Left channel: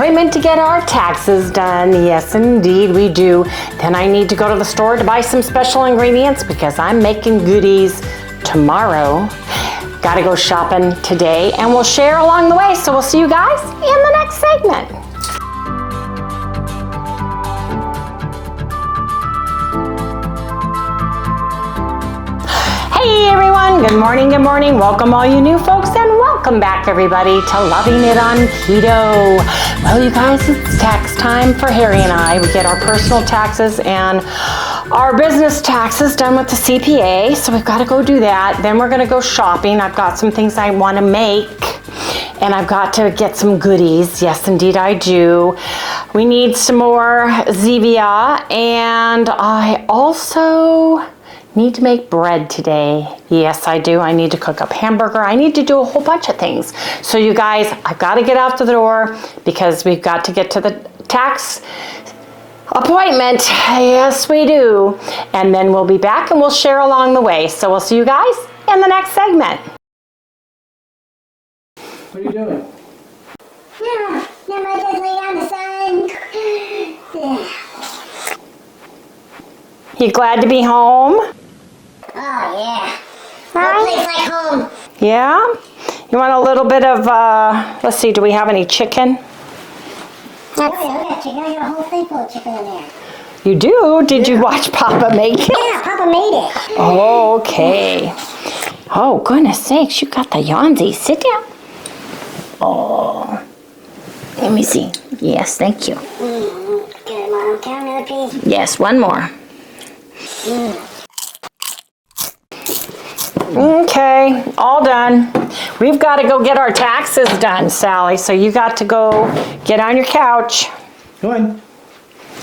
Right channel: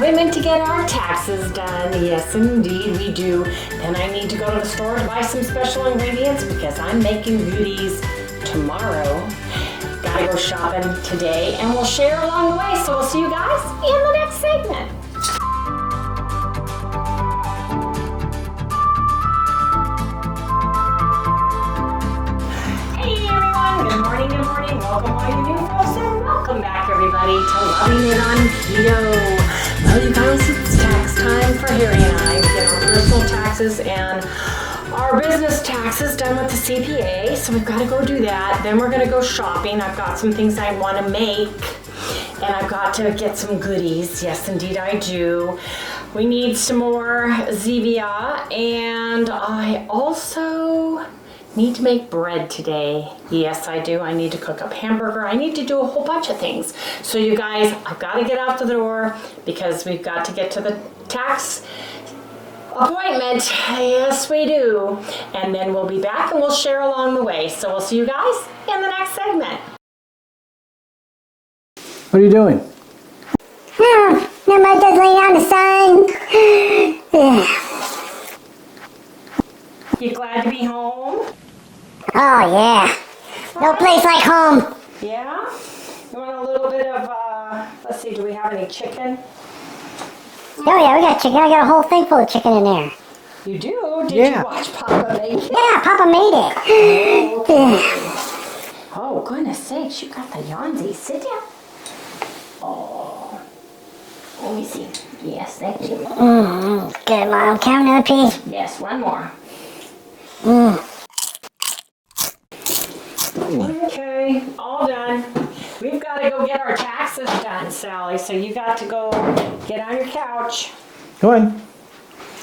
appointment to get our taxes done. Yes, indeed, we do. Then I need to go to the store to buy some special ingredients because I'm making goodies tomorrow. Gotta go shopping today, and we'll share along the way. So we'll see you guys in the next segment. Hey everyone, good morning, good morning. Welcome all you new folks, and welcome back everybody to Loving It on Keto. Well you guys, it's tax time for Harry and I. We get our personal taxes and our business taxes done with the CPA, so we've got to go do that. Then we're going to go shopping. I've got some things I want to make, and I've got to get some goodies. Yes, indeed I do. We need some more Zevia, and I also need to make bread today. Yes, I do. I need to cook up hamburger. I need to do a whole bunch of things. So you guys, I've got to get out the door because we've got to get to the tax appointment. Yes, we do. And then we'll be back and we'll share along the way. So we'll see you guys in the next segment. What are you doing? Oh, not much, just laying out in the sun. You glad to be home? Oh, yeah. No place like home. Yeah? You want a little bit of, let's see, do we have any chicken? Oh, yeah, we got chicken. I got a whole thing full of chicken in there. You do? Did you watch Papa make it? Yeah, Papa made it. Oh, okay. Oh, goodness sakes, you got the yawnsy. Sit down. Oh. Let me see. Yes, thank you. Good, Mom. Count up, please. Yes, one more. Okay, all done. We've got to go get our taxes done, Sally, so you got to go get on your couch. Come on.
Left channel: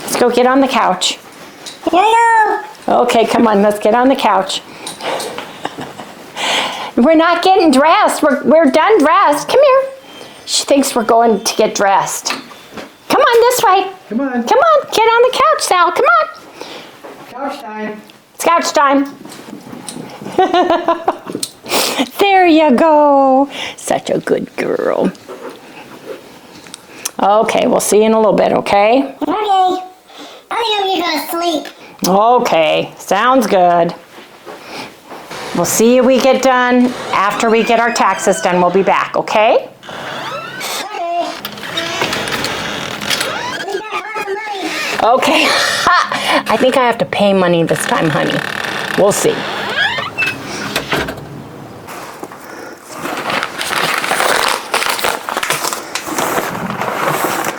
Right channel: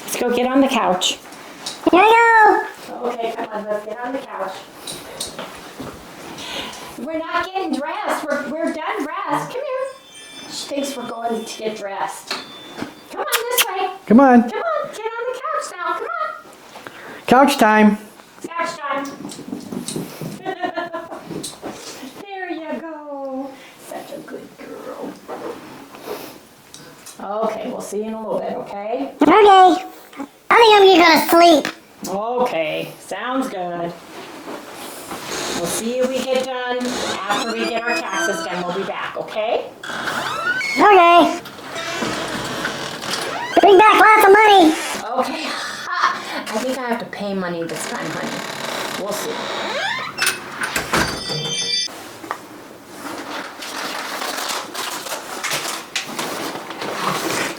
Let's go get on the couch. Here we go. Okay, come on, let's get on the couch. We're not getting dressed. We're done dressed. Come here. She thinks we're going to get dressed. Come on this way. Come on. Come on, get on the couch, Sal. Come on. Couch time. It's couch time. There you go. Such a good girl. Okay, we'll see you in a little bit, okay? Okay. I think I'm gonna go to sleep. Okay, sounds good. We'll see you we get done. After we get our taxes done, we'll be back, okay? Okay. Bring back lots of money. Okay. I think I have to pay money this time, honey. We'll see.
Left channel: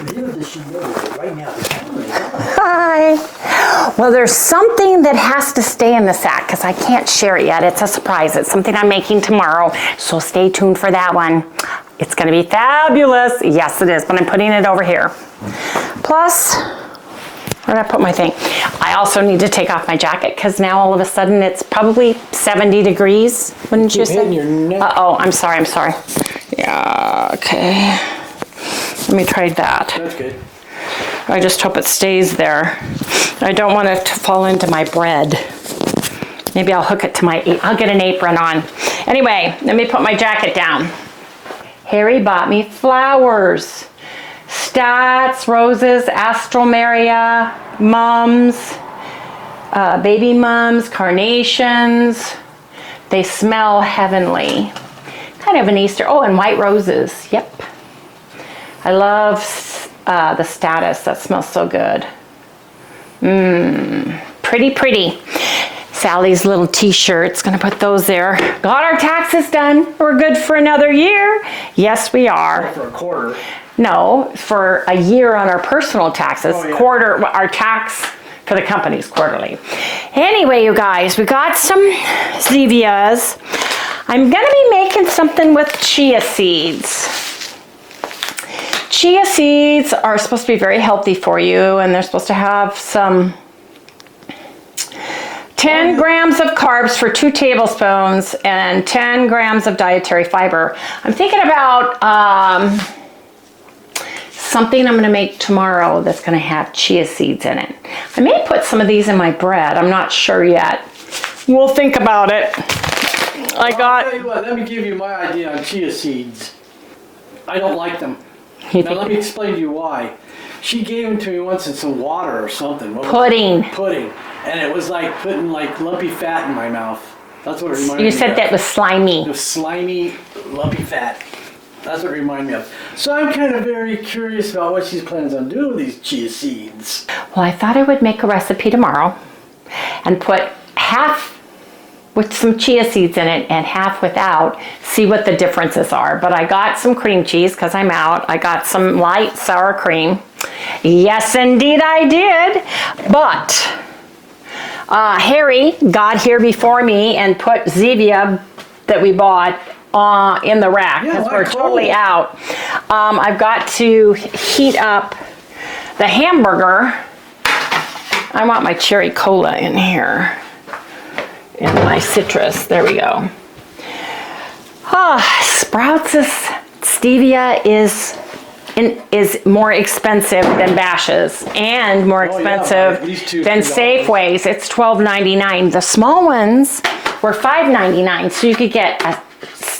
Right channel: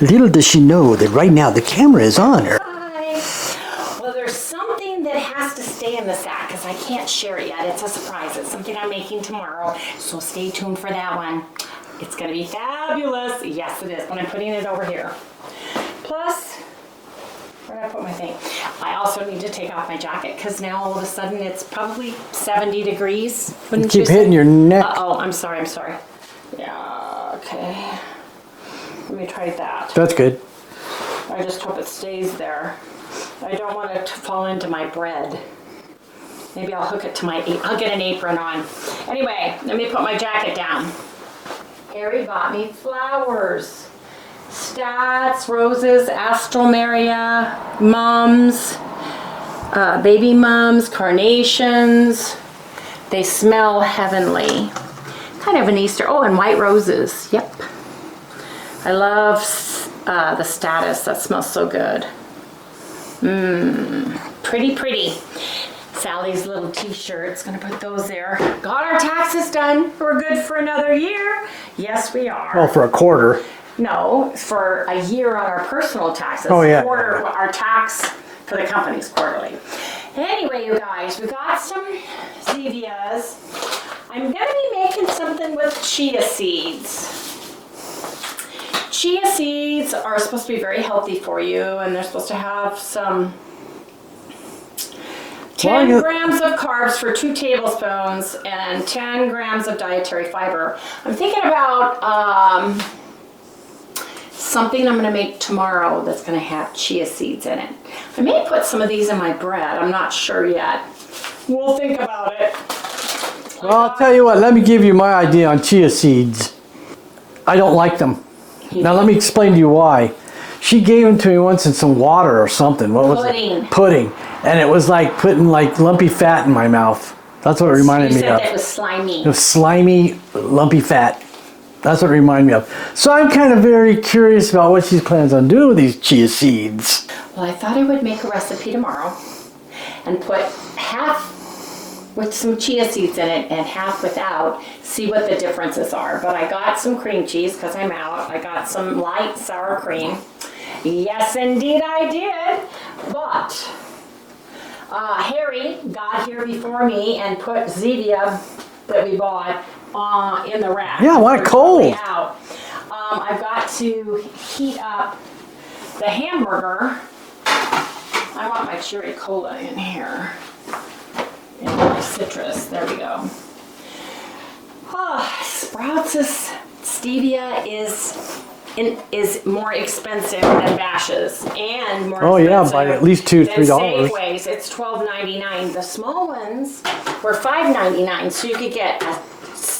Little does she know that right now the camera is on. Hi. Well, there's something that has to stay in the sack because I can't share it yet. It's a surprise. It's something I'm making tomorrow. So stay tuned for that one. It's going to be fabulous. Yes, it is, but I'm putting it over here. Plus, where did I put my thing? I also need to take off my jacket because now all of a sudden it's probably 70 degrees. Wouldn't you Keep say? hitting your neck. Uh-oh, I'm sorry. Yeah, okay. Let me try that. That's good. I just hope it stays there. I don't want it to fall into my bread. Maybe I'll hook it to I'll get an apron on. Anyway, let me put my jacket down. Harry bought me flowers. Stats, roses, astralmeria, mums, baby mums, carnations. They smell heavenly. Kind of an Easter, oh, and white roses, yep. I love the Status, that smells so good. Pretty, pretty. Sally's little t-shirts, gonna put those there. Got our taxes done. We're good for another year. Yes, we are. Oh, for a quarter. No, for a year on our personal taxes. Oh, yeah. Quarter, our tax for the company's quarterly. Anyway, you guys, we got some Zevias. I'm gonna be making something with chia seeds. Chia seeds are supposed to be very healthy for you, and they're supposed to have some 10 grams of carbs for 2 tablespoons and 10 grams of dietary fiber. I'm thinking about something I'm gonna make tomorrow that's gonna have chia seeds in it. I may put some of these in my bread. I'm not sure yet. We'll think about it. I'll tell you what, let me give you my idea on chia seeds. I don't like them. Now let me explain to you why. She gave them to me once in some water or something. What was Pudding. it? Pudding. And it was like putting like lumpy fat in my mouth. That's what it reminded me of. You said that was slimy. It was slimy, lumpy fat. That's what it reminded me of. So I'm kind of very curious about what she plans on doing with these chia seeds. Well, I thought I would make a recipe tomorrow and put half with some chia seeds in it and half without, see what the differences are. But I got some cream cheese because I'm out. I got some light sour cream. Yes, indeed I did. But Harry got here before me and put Zevia that we bought in the rack. Yeah, why we're cold? Totally out. I've got to heat up the hamburger. I want my cherry cola in here. And my citrus, there we go. Sprouts' stevia is more expensive than Bash's and more expensive by at least $2, than $3. Safeway's. It's $12.99. The small ones were $5.99, so you could get a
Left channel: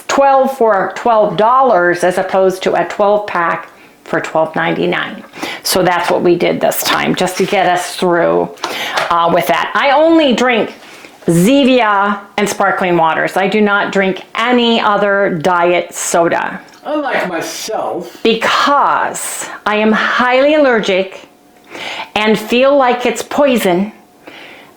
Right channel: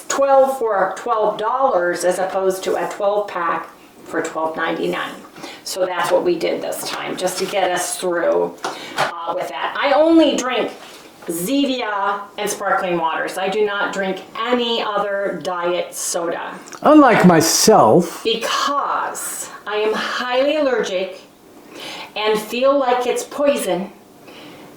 12 for $12 as opposed to a 12 pack for $12.99. So that's what we did this time, just to get us through with that. I only drink Zevia and sparkling waters. I do not drink any other diet soda. Unlike myself. Because I am highly allergic and feel like it's poison.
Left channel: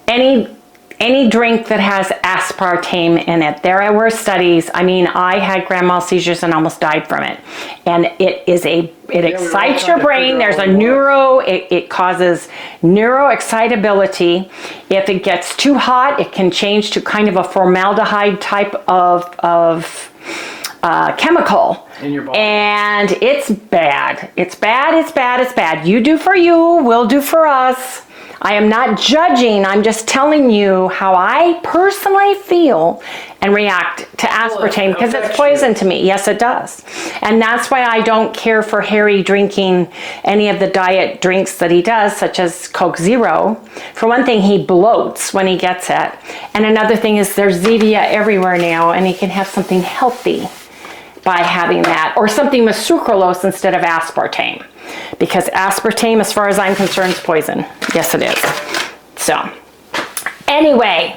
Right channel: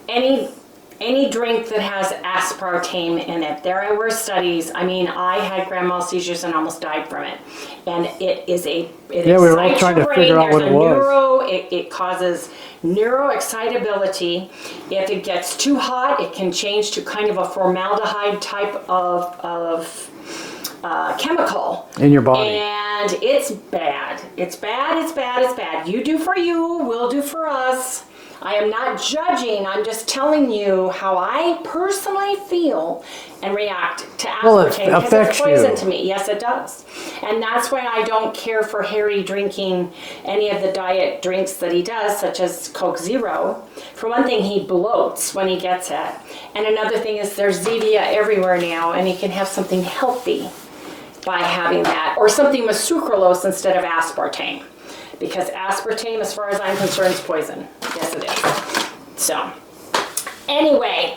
Any drink that has aspartame in it. There were studies. I mean, I had grand mal seizures and almost died from it. And it excites your brain. There's a it causes neuroexcitability. If it gets too hot, it can change to kind of a formaldehyde type of chemical in your body. And it's bad. It's bad, it's bad, it's bad. You do for you, we'll do for us. I am not judging, I'm just telling you how I personally feel and react to aspartame because it's poison to me. Yes, it does. And that's why I don't care for Harry drinking any of the diet drinks that he does, such as Coke Zero. For one thing, he bloats when he gets it. And another thing is there's Zevia everywhere now, and he can have something healthy by having that, or something with sucralose instead of aspartame. Because aspartame, as far as I'm concerned, is poison. Yes, it is. So, anyway,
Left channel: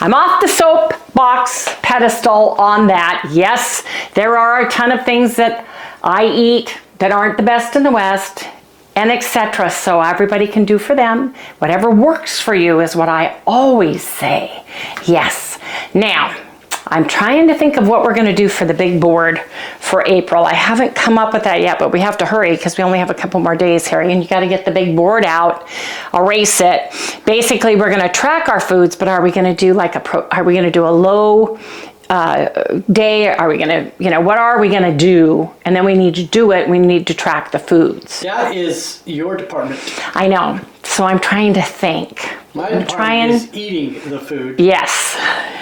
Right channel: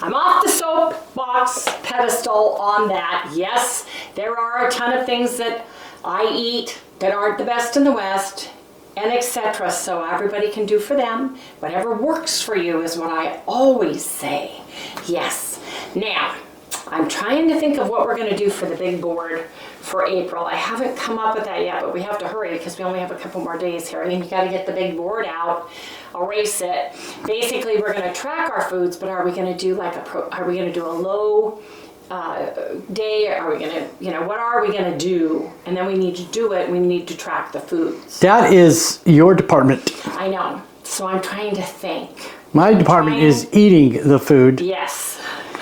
I'm off the soapbox pedestal on that. Yes, there are a ton of things that I eat that aren't the best in the West, and etc. So everybody can do for them. Whatever works for you is what I always say. Yes. Now, I'm trying to think of what we're going to do for the big board for April. I haven't come up with that yet, but we have to hurry because we only have a couple more days, Harry, and you got to get the big board out, erase it. Basically, we're going to track our foods, but are we going to do like are we going to do a low day? Are we going to, what are we going to do? And then we need to do it. We need to track the foods. That is your department. I know. So I'm trying to think. My department is eating the food. Yes,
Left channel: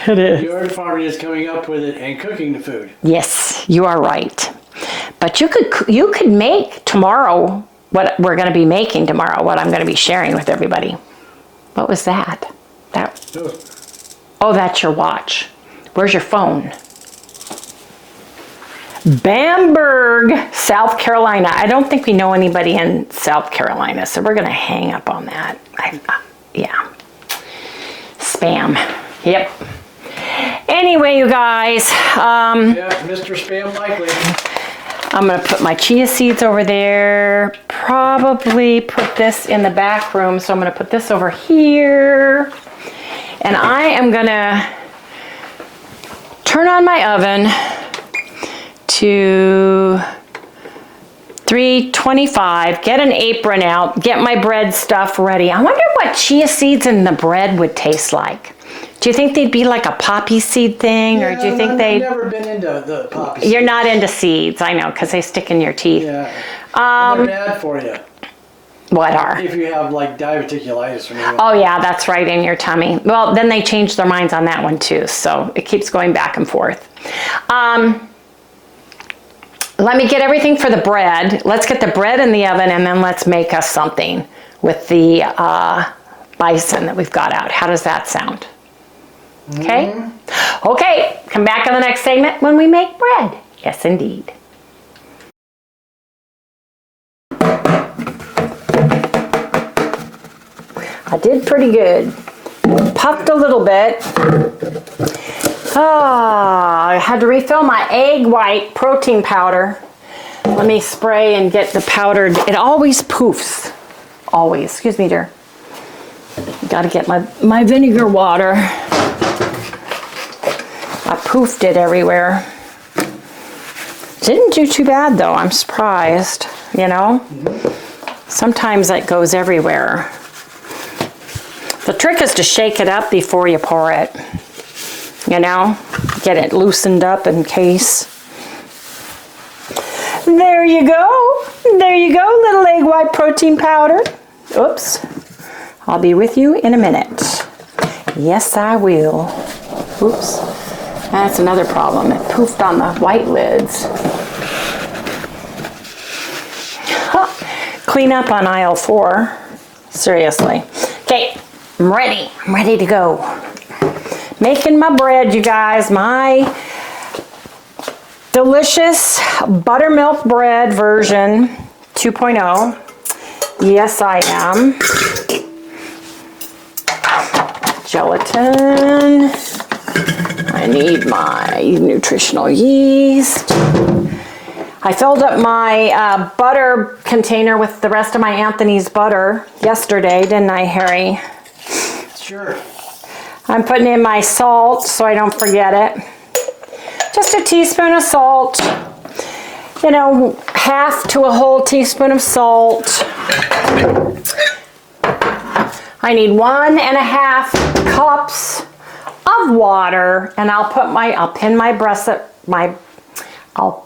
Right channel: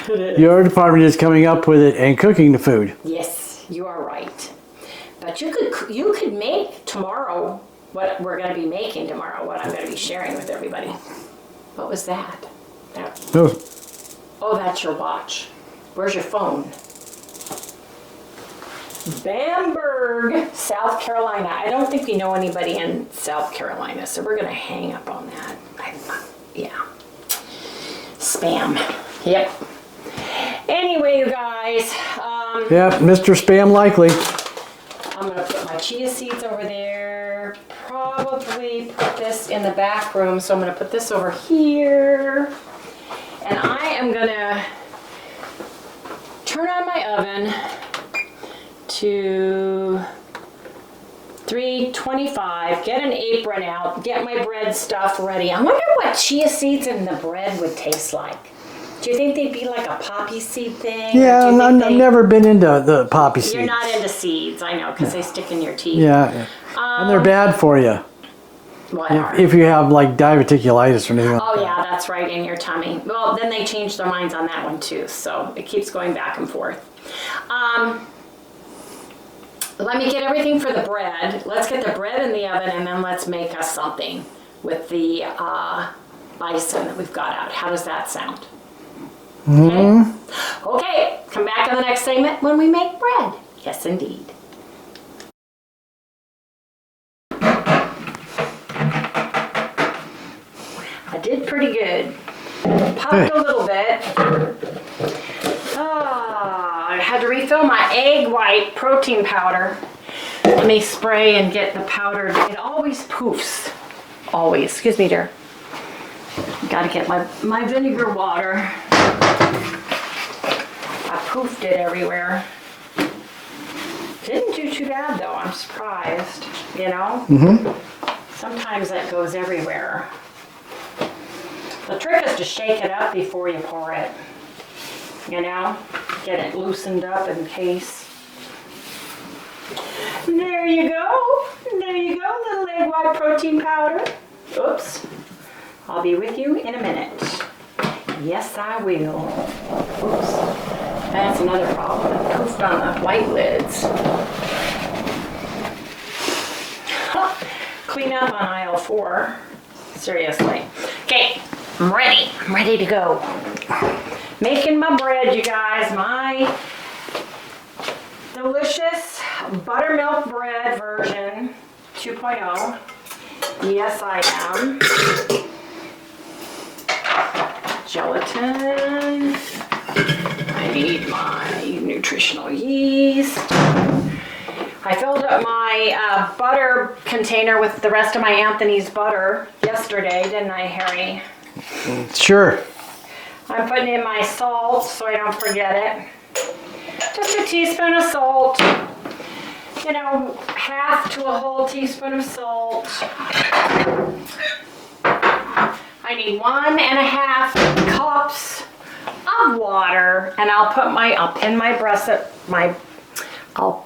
it is. Your department is coming up with it and cooking the food. Yes, you are right. But you could make tomorrow what we're going to be making tomorrow, what I'm going to be sharing with everybody. What was that? Oh, that's your watch. Where's your phone? Bamberg, South Carolina. I don't think we know anybody in South Carolina, so we're going to hang up on that. Yeah. Spam. Yep. Anyway, you guys. Yep, Mr. Spam likely. I'm going to put my chia seeds over there. Probably put this in the back room, so I'm going to put this over here. And I am going to turn on my oven to 325, get an apron out, get my bread stuff ready. I wonder what chia seeds in the bread would taste like. Do you think they'd be like a poppy seed thing? Yeah, or do you think I've never been into the poppy seeds. You're not into seeds, I know, because they stick in your teeth. Yeah, and they're bad for you. What are? If you have like diverticulitis or anything. Oh yeah, that's right, in your tummy. Well, then they changed their minds on that one too, so it keeps going back and forth. Let me get everything for the bread. Let's get the bread in the oven and then let's make us something with the bison that we've got out. How does that sound? Okay? Okay, come back in the next segment when we make bread. Yes, indeed. I did pretty good. Puffed a little bit. I had to refill my egg white protein powder. Let me spray and get the powdered. It always poofs. Always. Excuse me, dear. Got to get my vinegar water. I poofed it everywhere. Didn't do too bad though. I'm surprised. You know? Sometimes it goes everywhere. The trick is to shake it up before you pour it. You know, get it loosened up in case. There you go. There you go, little egg white protein powder. Oops. I'll be with you in a minute. Yes, I will. Oops. That's another problem. It poofed on the white lids. Clean up on aisle 4. Seriously. Okay, I'm ready. I'm ready to go. Making my bread, you guys. My delicious buttermilk bread version 2.0. Yes, I am. Gelatin. I need my nutritional yeast. I filled up my butter container with the rest of my Anthony's butter yesterday, didn't I, Harry? Sure. I'm putting in my salt so I don't forget it. Just a teaspoon of salt. You know, half to a whole teaspoon of salt. I need 1.5 cups of water, and I'll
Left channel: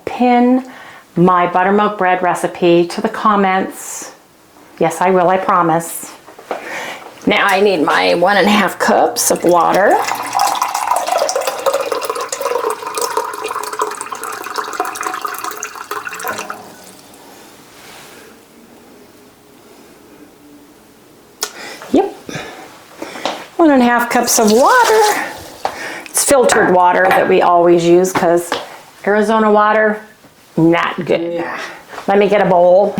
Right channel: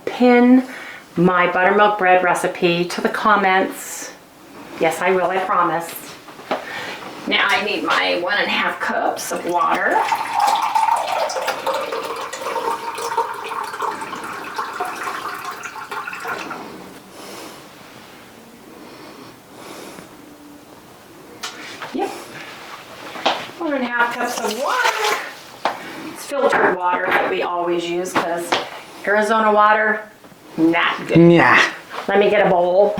pin my buttermilk bread recipe to the comments. Yes, I will, I promise. Now I need my 1.5 cups of water. Yep. 1.5 cups of water. It's filtered water that we always use because Arizona water, not good. Nah. Let me get a bowl.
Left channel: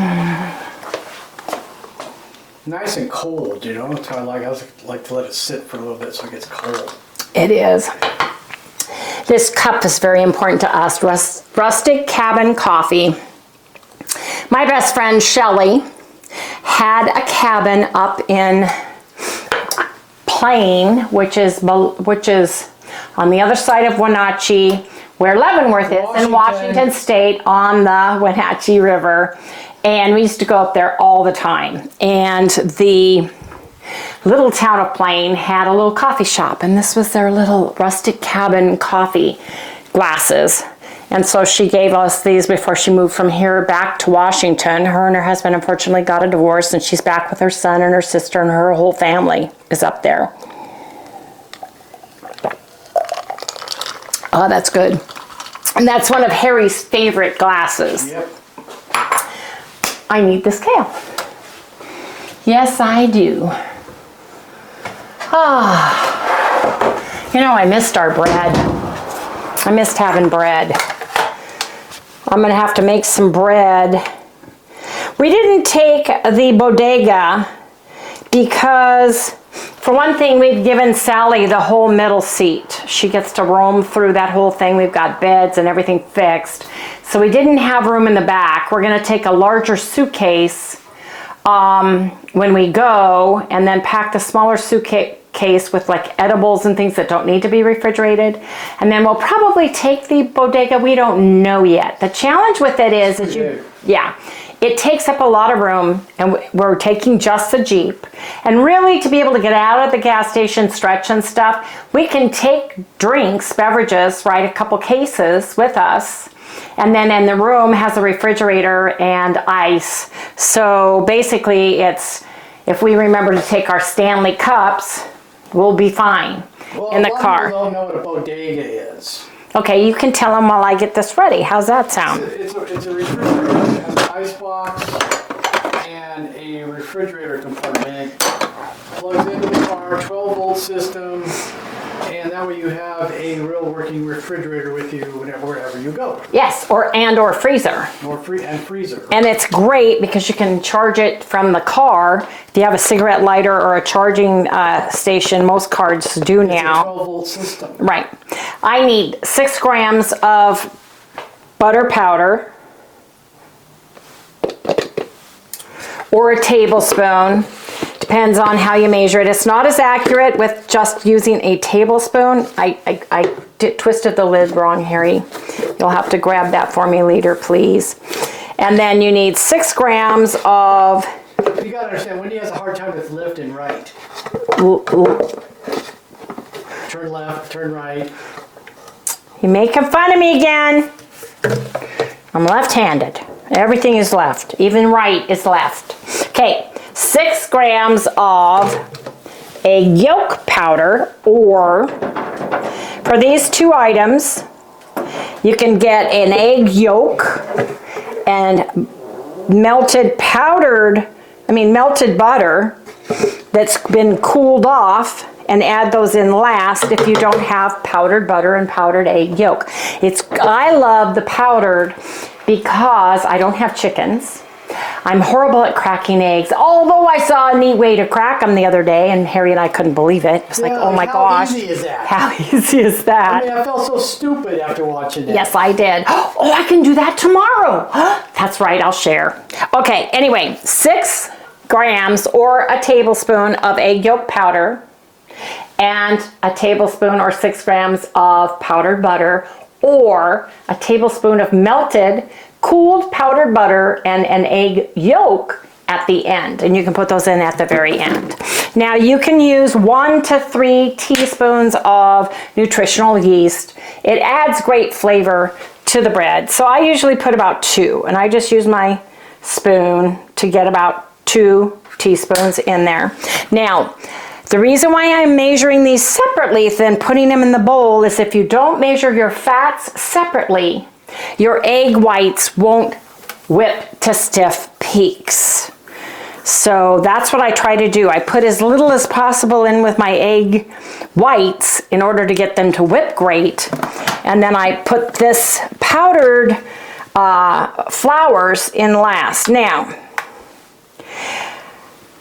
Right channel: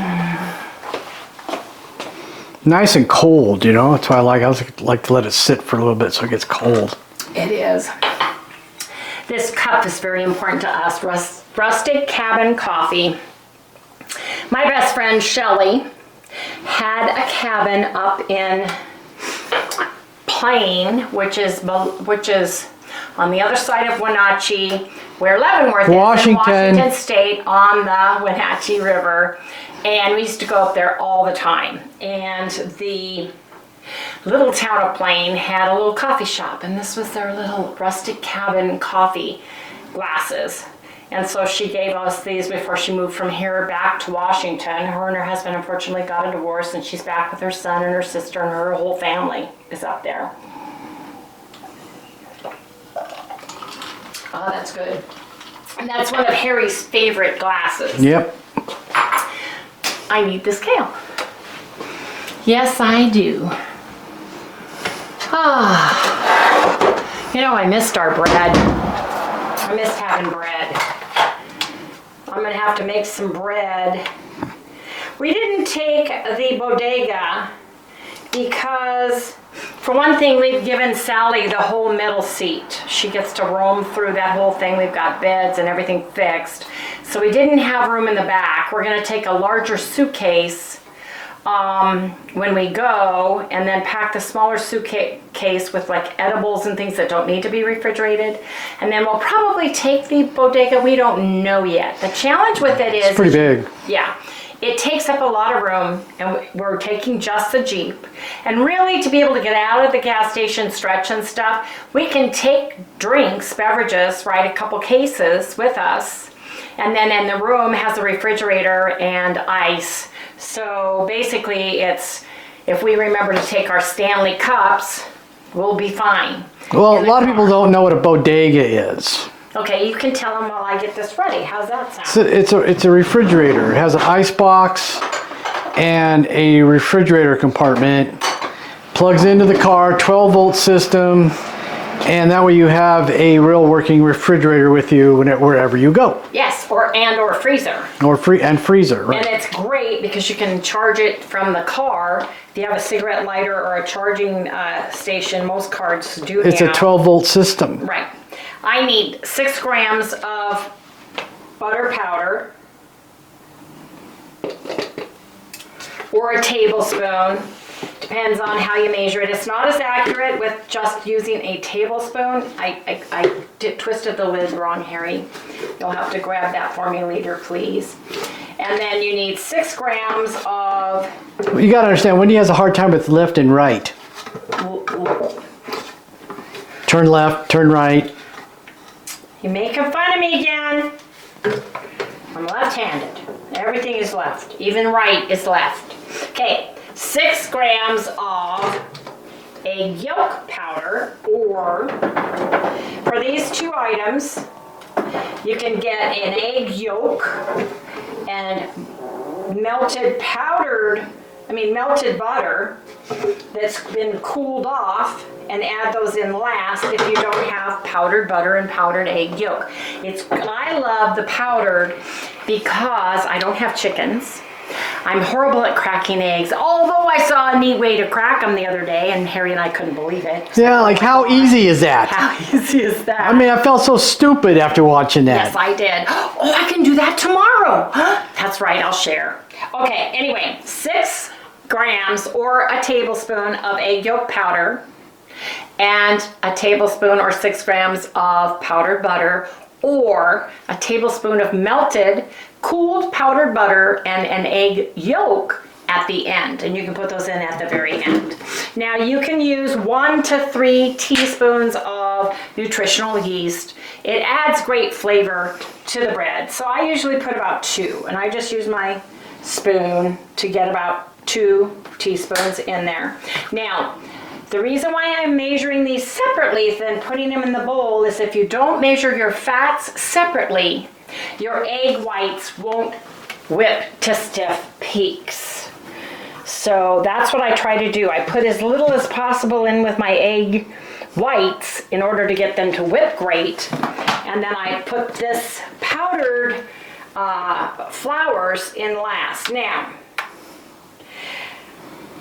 Nice and cold, you know. That's why I like to let it sit for a little bit so it gets cold. It is. This cup is very important to us. Rustic Cabin Coffee. My best friend Shelly had a cabin up in Plain, which is on the other side of Wenatchee, where Leavenworth is in Washington State on the Wenatchee River. And we used to go up there all the time. And the little town of Plain had a little coffee shop, and this was their little rustic cabin coffee glasses. And so she gave us these before she moved from here back to Washington. Her and her husband unfortunately got a divorce, and she's back with her son and her sister, and her whole family is up there. Oh, that's good. And that's one of Harry's favorite glasses. Yep. I need this kale. Yes, I do. Oh, you know, I missed our bread. I missed having bread. I'm gonna have to make some bread. We didn't take the bodega because, for one thing, we've given Sally the whole middle seat. She gets to roam through that whole thing. We've got beds and everything fixed. So we didn't have room in the back. We're gonna take a larger suitcase when we go, and then pack the smaller suitcase with like edibles and things that don't need to be refrigerated. And then we'll probably take the bodega. We don't know yet. The challenge with it is, it's pretty big. Yeah, it takes up a lot of room, and we're taking just the Jeep. And really, to be able to get out of the gas station, stretch and stuff, we can take drinks, beverages, right, a couple cases with us. And then in the room has a refrigerator and ice. So basically it's, if we remember to take our Stanley cups, we'll be fine. Well, a lot of people don't know what a bodega is. Okay, you can tell them while I get this ready. How's that sound? It's a refrigerator. It has an ice box and a refrigerator compartment. Plugs into the car, 12-volt system. And that way you have a real working refrigerator with you wherever you go. Yes, or freezer. Or freezer, right? And it's great because you can charge it from the car. If you have a cigarette lighter or a charging station, most cars do now. It's a 12-volt system. Right. I need 6 grams of butter powder, or a tablespoon. Depends on how you measure it. It's not as accurate with just using a tablespoon. I twisted the lid wrong, Harry. You'll have to grab that for me later, please. And then you need 6 grams of... You gotta understand, Wendy has a hard time with left and right. Turn left, turn right. You're making fun of me again. I'm left-handed. Everything is left. Even right is left. Okay, 6 grams of egg yolk powder, or for these 2 items, you can get an egg yolk and melted butter that's been cooled off, and add those in last if you don't have powdered butter and powdered egg yolk. I love the powdered because I don't have chickens. I'm horrible at cracking eggs, although I saw a neat way to crack them the other day, and Harry and I couldn't believe it. Yeah, like, oh my how gosh, easy is that? How easy is that? I mean, I felt so stupid after watching that. Yes, I did. Oh, I can do that tomorrow. That's right, I'll share. Okay, anyway, 6 grams or a tablespoon of egg yolk powder, and a tablespoon or 6 grams of powdered butter, or a tablespoon of melted, cooled powdered butter and an egg yolk at the end. And you can put those in at the very end. Now you can use 1 to 3 teaspoons of nutritional yeast. It adds great flavor to the bread. So I usually put about 2, and I just use my spoon to get about 2 teaspoons in there. Now, the reason why I'm measuring these separately than putting them in the bowl is if you don't measure your fats separately, your egg whites won't whip to stiff peaks. So that's what I try to do. I put as little as possible in with my egg whites in order to get them to whip great. And then I put this powdered flours in last. Now,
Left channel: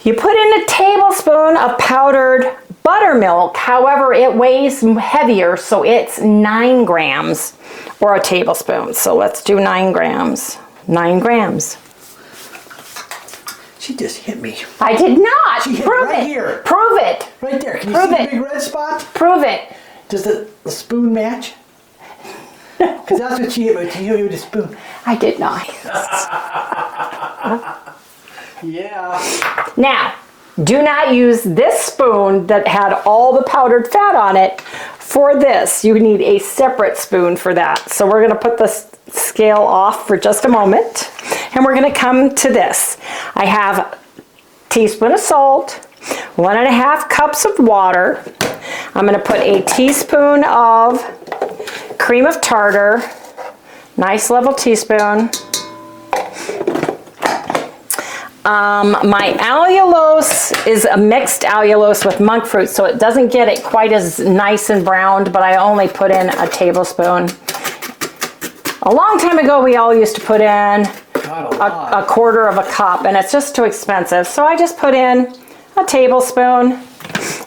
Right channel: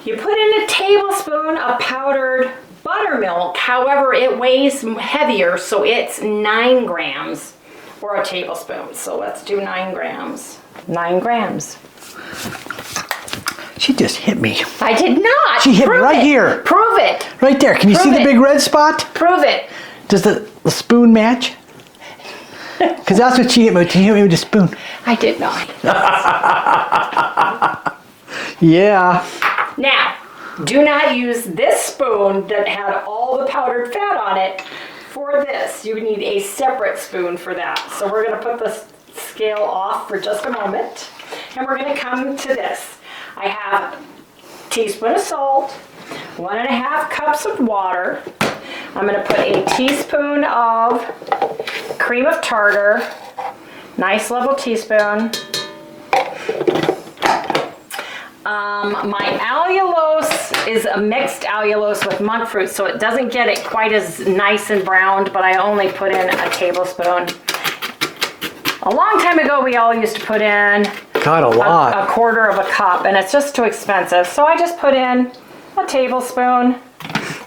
you put in a tablespoon of powdered buttermilk. However, it weighs heavier, so it's 9 grams or a tablespoon. So let's do 9 grams. 9 grams. She just hit me. I did not. She hit me right here. Prove it. Right there. Can you see the big red spot? Prove it. Does the spoon match? Because that's what she hit me. She hit me with a spoon. I did not. Yeah. Now, do not use this spoon that had all the powdered fat on it for this. You need a separate spoon for that. So we're going to put the scale off for just a moment, and we're going to come to this. I have a teaspoon of salt, 1.5 cups of water. I'm going to put a teaspoon of cream of tartar, nice level teaspoon. My allulose is a mixed allulose with monk fruit, so it doesn't get it quite as nice and browned, but I only put in a tablespoon. A long time ago, we all used to put in a quarter of a cup, and it's just too expensive. So I just put in a tablespoon,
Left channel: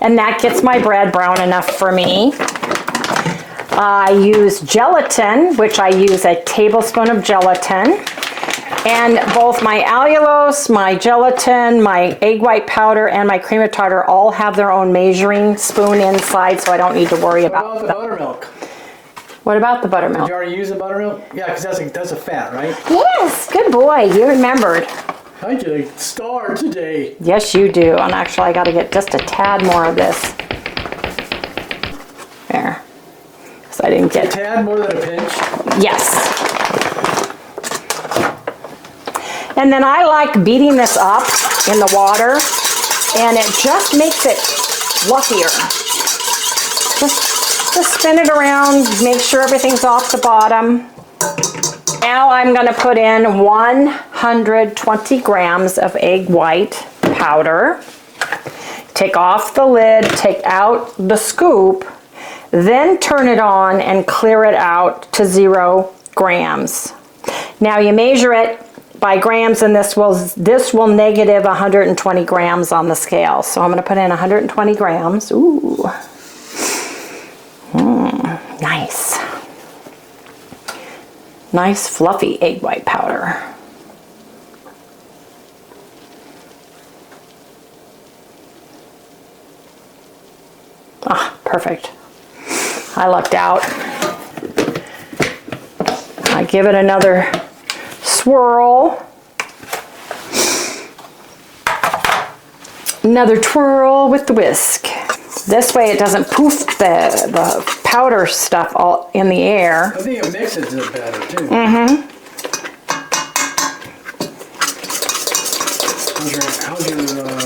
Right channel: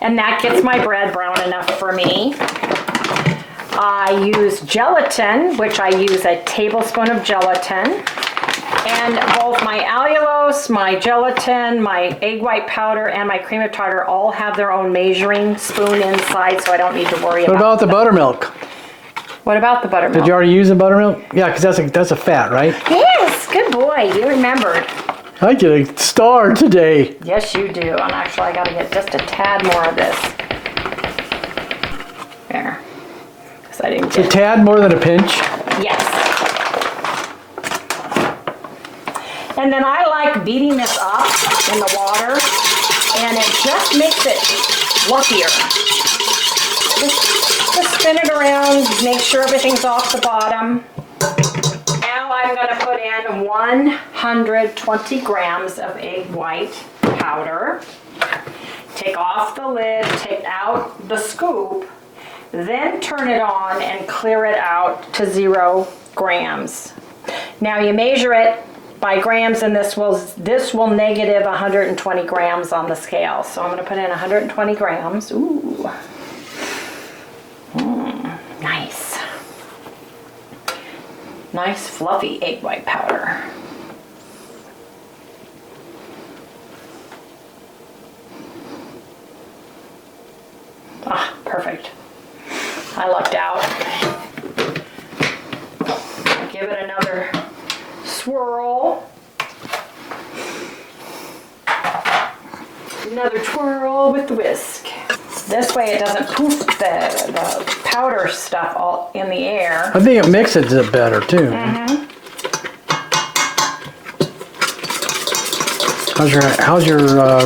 and that gets my bread brown enough for me. I use gelatin, which I use a tablespoon of gelatin. And both my allulose, my gelatin, my egg white powder, and my cream of tartar all have their own measuring spoon inside, so I don't need to worry about What about the buttermilk? What about the buttermilk? Did you already use the buttermilk? Yeah, because that's a fat, right? Yes, good boy, you remembered. I get a star today. Yes, you do. And actually, I got to get just a tad more of this. There. Because I didn't get a tad more than a pinch? Yes. And then I like beating this up in the water, and it just makes it fluffier. Just spin it around, make sure everything's off the bottom. Now I'm going to put in 120 grams of egg white powder. Take off the lid, take out the scoop, then turn it on and clear it out to 0 grams. Now you measure it by grams, and this will negative 120 grams on the scale. So I'm going to put in 120 grams. Ooh. Nice. Nice fluffy egg white powder. Ah, perfect. I lucked out. I give it another swirl. Another twirl with the whisk. This way it doesn't poof the powder stuff all in the air. I think it mixes it better too. Mm-hmm. How's your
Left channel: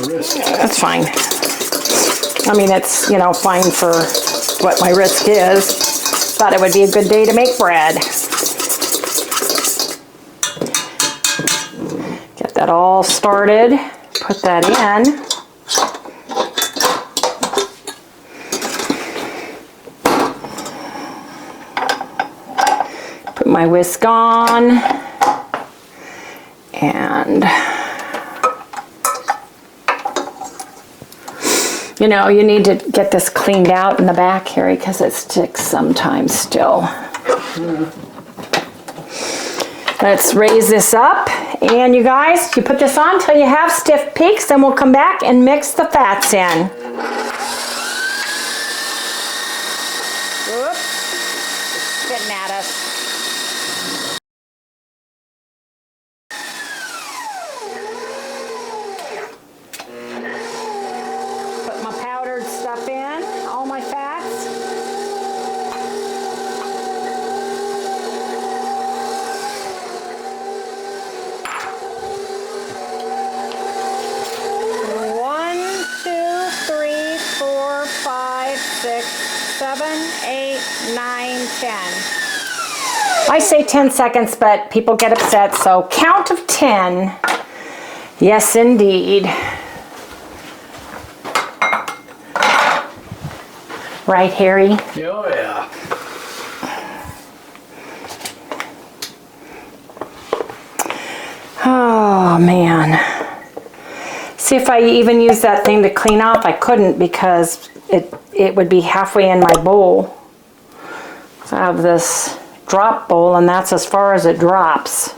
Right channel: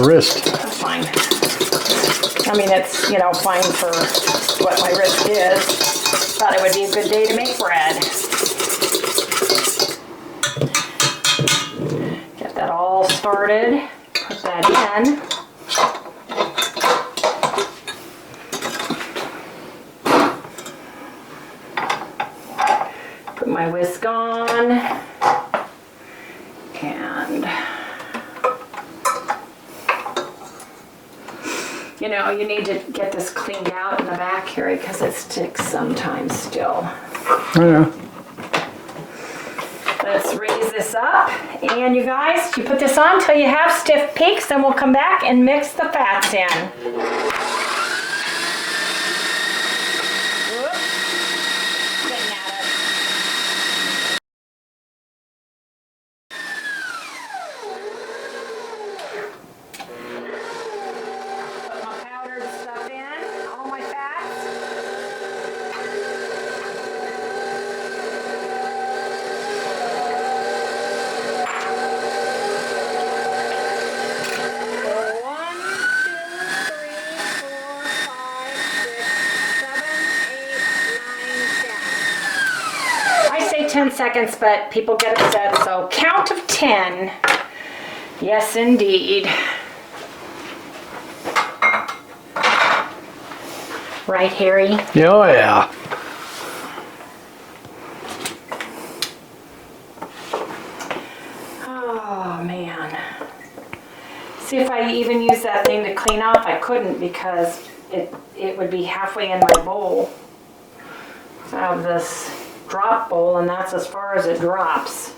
wrist? That's fine. I mean, it's, you know, fine for what my wrist is. Thought it would be a good day to make bread. Get that all started. Put that in. Put my whisk on. And you know, you need to get this cleaned out in the back, Harry, because it sticks sometimes still. Yeah. Let's raise this up. And you guys, you put this on until you have stiff peaks, then we'll come back and mix the fats in. Whoops. Getting at us. Put my powdered stuff in, all my fats. I say 10 seconds, but people get upset, so count of 10. Yes, indeed. Right, Harry? Oh, yeah. Oh, man. See, if I even use that thing to clean off, I couldn't because it would be halfway in my bowl. I have this drop bowl, and that's as far as it drops.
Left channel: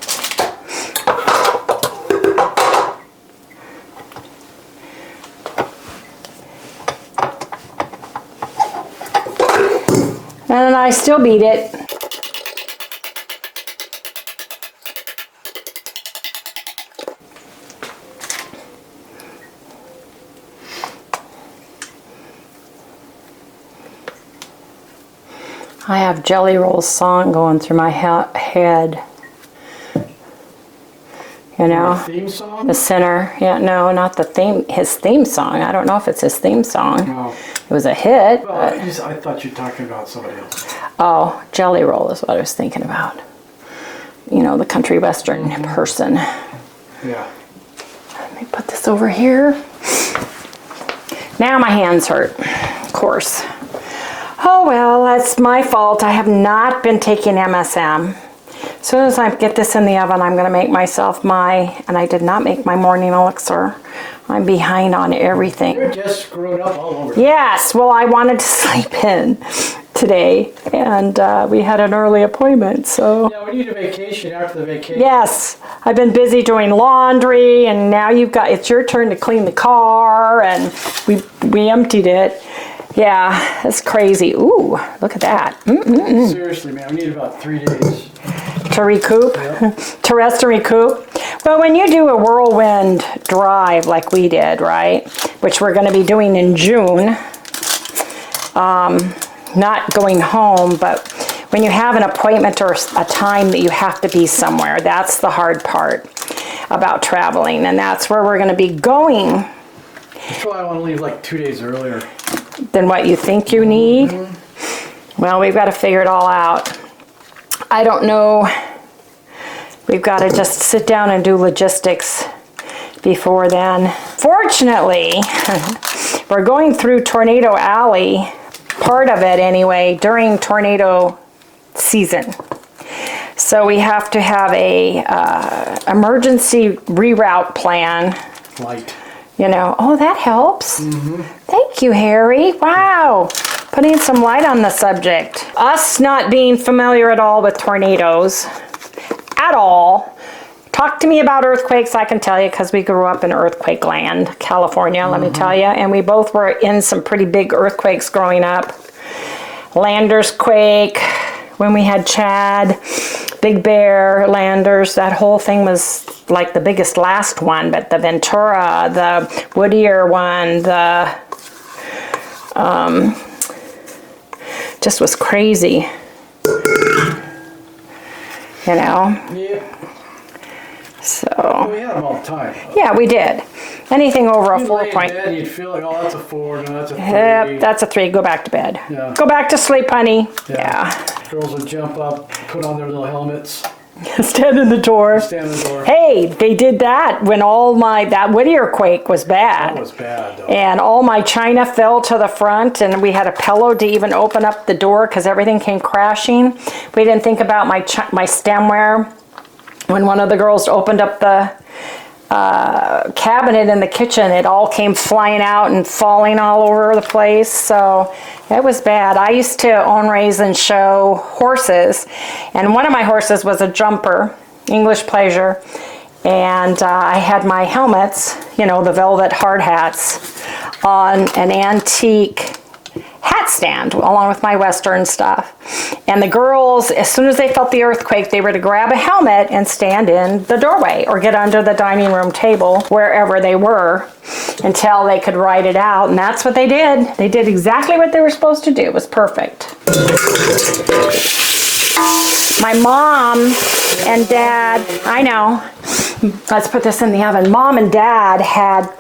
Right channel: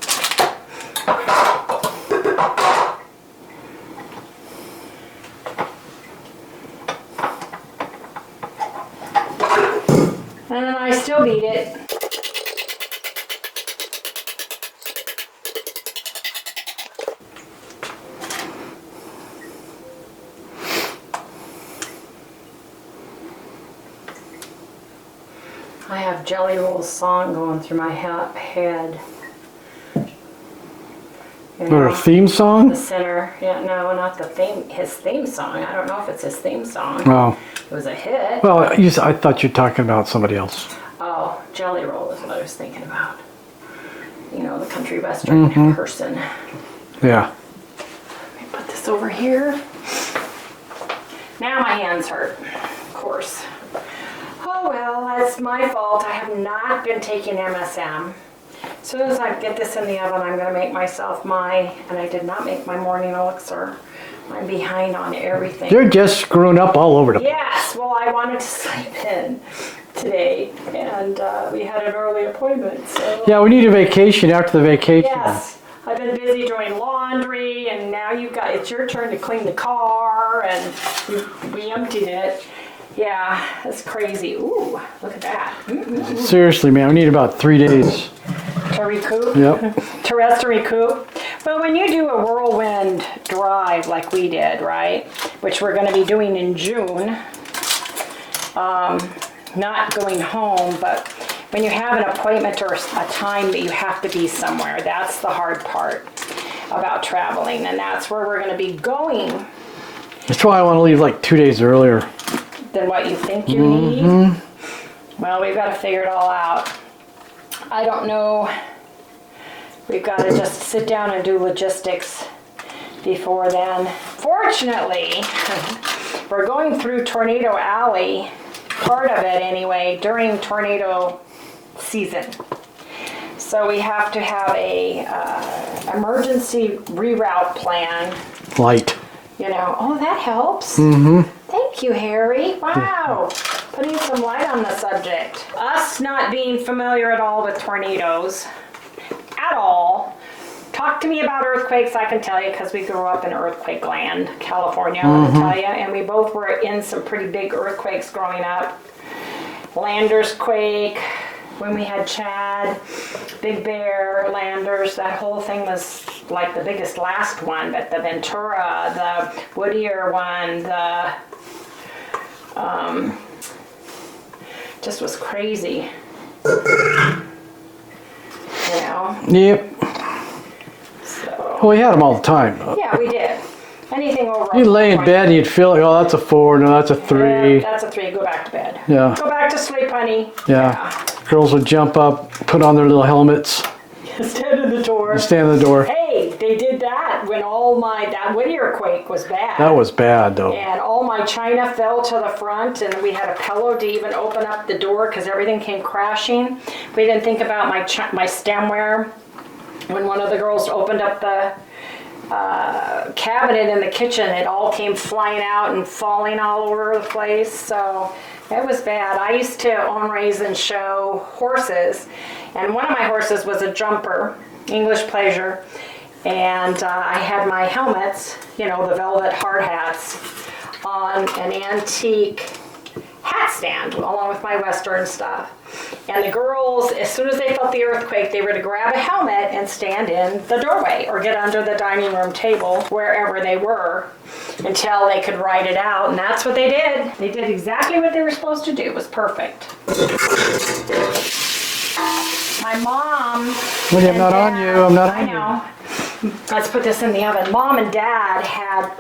And then I still beat it. I have Jelly Roll's song going through my head. You know, Or a theme song? the center. Yeah, no, not the theme. His theme song. I don't know if it's his theme song. Oh. It was a hit. Well, I thought you were talking about somebody else. Oh, Jelly Roll is what I was thinking about. You know, the country western person. Yeah. Let me put this over here. Now my hands hurt, of course. Oh well, that's my fault. I have not been taking MSM. As soon as I get this in the oven, I'm going to make myself and I did not make my morning elixir. I'm behind on everything. You're just screwing up all over the place. Yes, well, I wanted to sleep in today, and we had an early appointment, so. Yeah, we need a vacation after the vacation. Yes, I've been busy doing laundry, and now it's your turn to clean the car, and we emptied it. Yeah, that's crazy. Ooh, look at that. Seriously, man, we need about 3 days. To recoup? Yep. To rest and recoup? But when you do a whirlwind drive like we did, right, which we're going to be doing in June, not going home, but when you have an appointment or a time that you have to be somewhere, that's the hard part about traveling, and that's where we're going to be going. That's why I want to leave like 2 days earlier. Than what you think you need. Well, we've got to figure it all out. I don't know. We've got to just sit down and do logistics before then. Fortunately, we're going through Tornado Alley part of it anyway, during tornado season. So we have to have a emergency reroute plan. Light. You know, oh, that helps. Thank you, Harry. Wow. Putting some light on the subject. Us not being familiar at all with tornadoes, at all. Talk to me about earthquakes, I can tell you, because we grew up in earthquake land, California, let me tell you. And we both were in some pretty big earthquakes growing up. Landers quake, when we had Chad, Big Bear, Landers, that whole thing was like the biggest last one, but the Ventura, the Whittier one, the, just was crazy. You know? Yep. So. Well, we had them all the time. Yeah, we did. Anything over a 4 You lay in point. bed and you'd feel like, oh, that's a 4, no, that's a 3. Yep, that's a 3. Go back to bed. Yeah. Go back to sleep, honey. Yeah. Girls would jump up, put on their little helmets, Stand in the door. stand in the door. Hey, they did that when all that Whittier quake was bad. That was bad, though. And all my china fell to the front, and we had a pillow to even open up the door because everything came crashing. We didn't think about my stemware. When one of the girls opened up the cabinet in the kitchen, it all came flying out and falling all over the place. So it was bad. I used to own, raise, and show horses, and one of my horses was a jumper, English Pleasure, and I had my helmets, you know, the velvet hard hats, on an antique hat stand along with my Western stuff. And the girls, as soon as they felt the earthquake, they were to grab a helmet and stand in the doorway or get under the dining room table, wherever they were, until they could ride it out. And that's what they did. They did exactly what they were supposed to do. It was perfect. My mom and dad, I know. Let's put this in the oven. Mom and dad had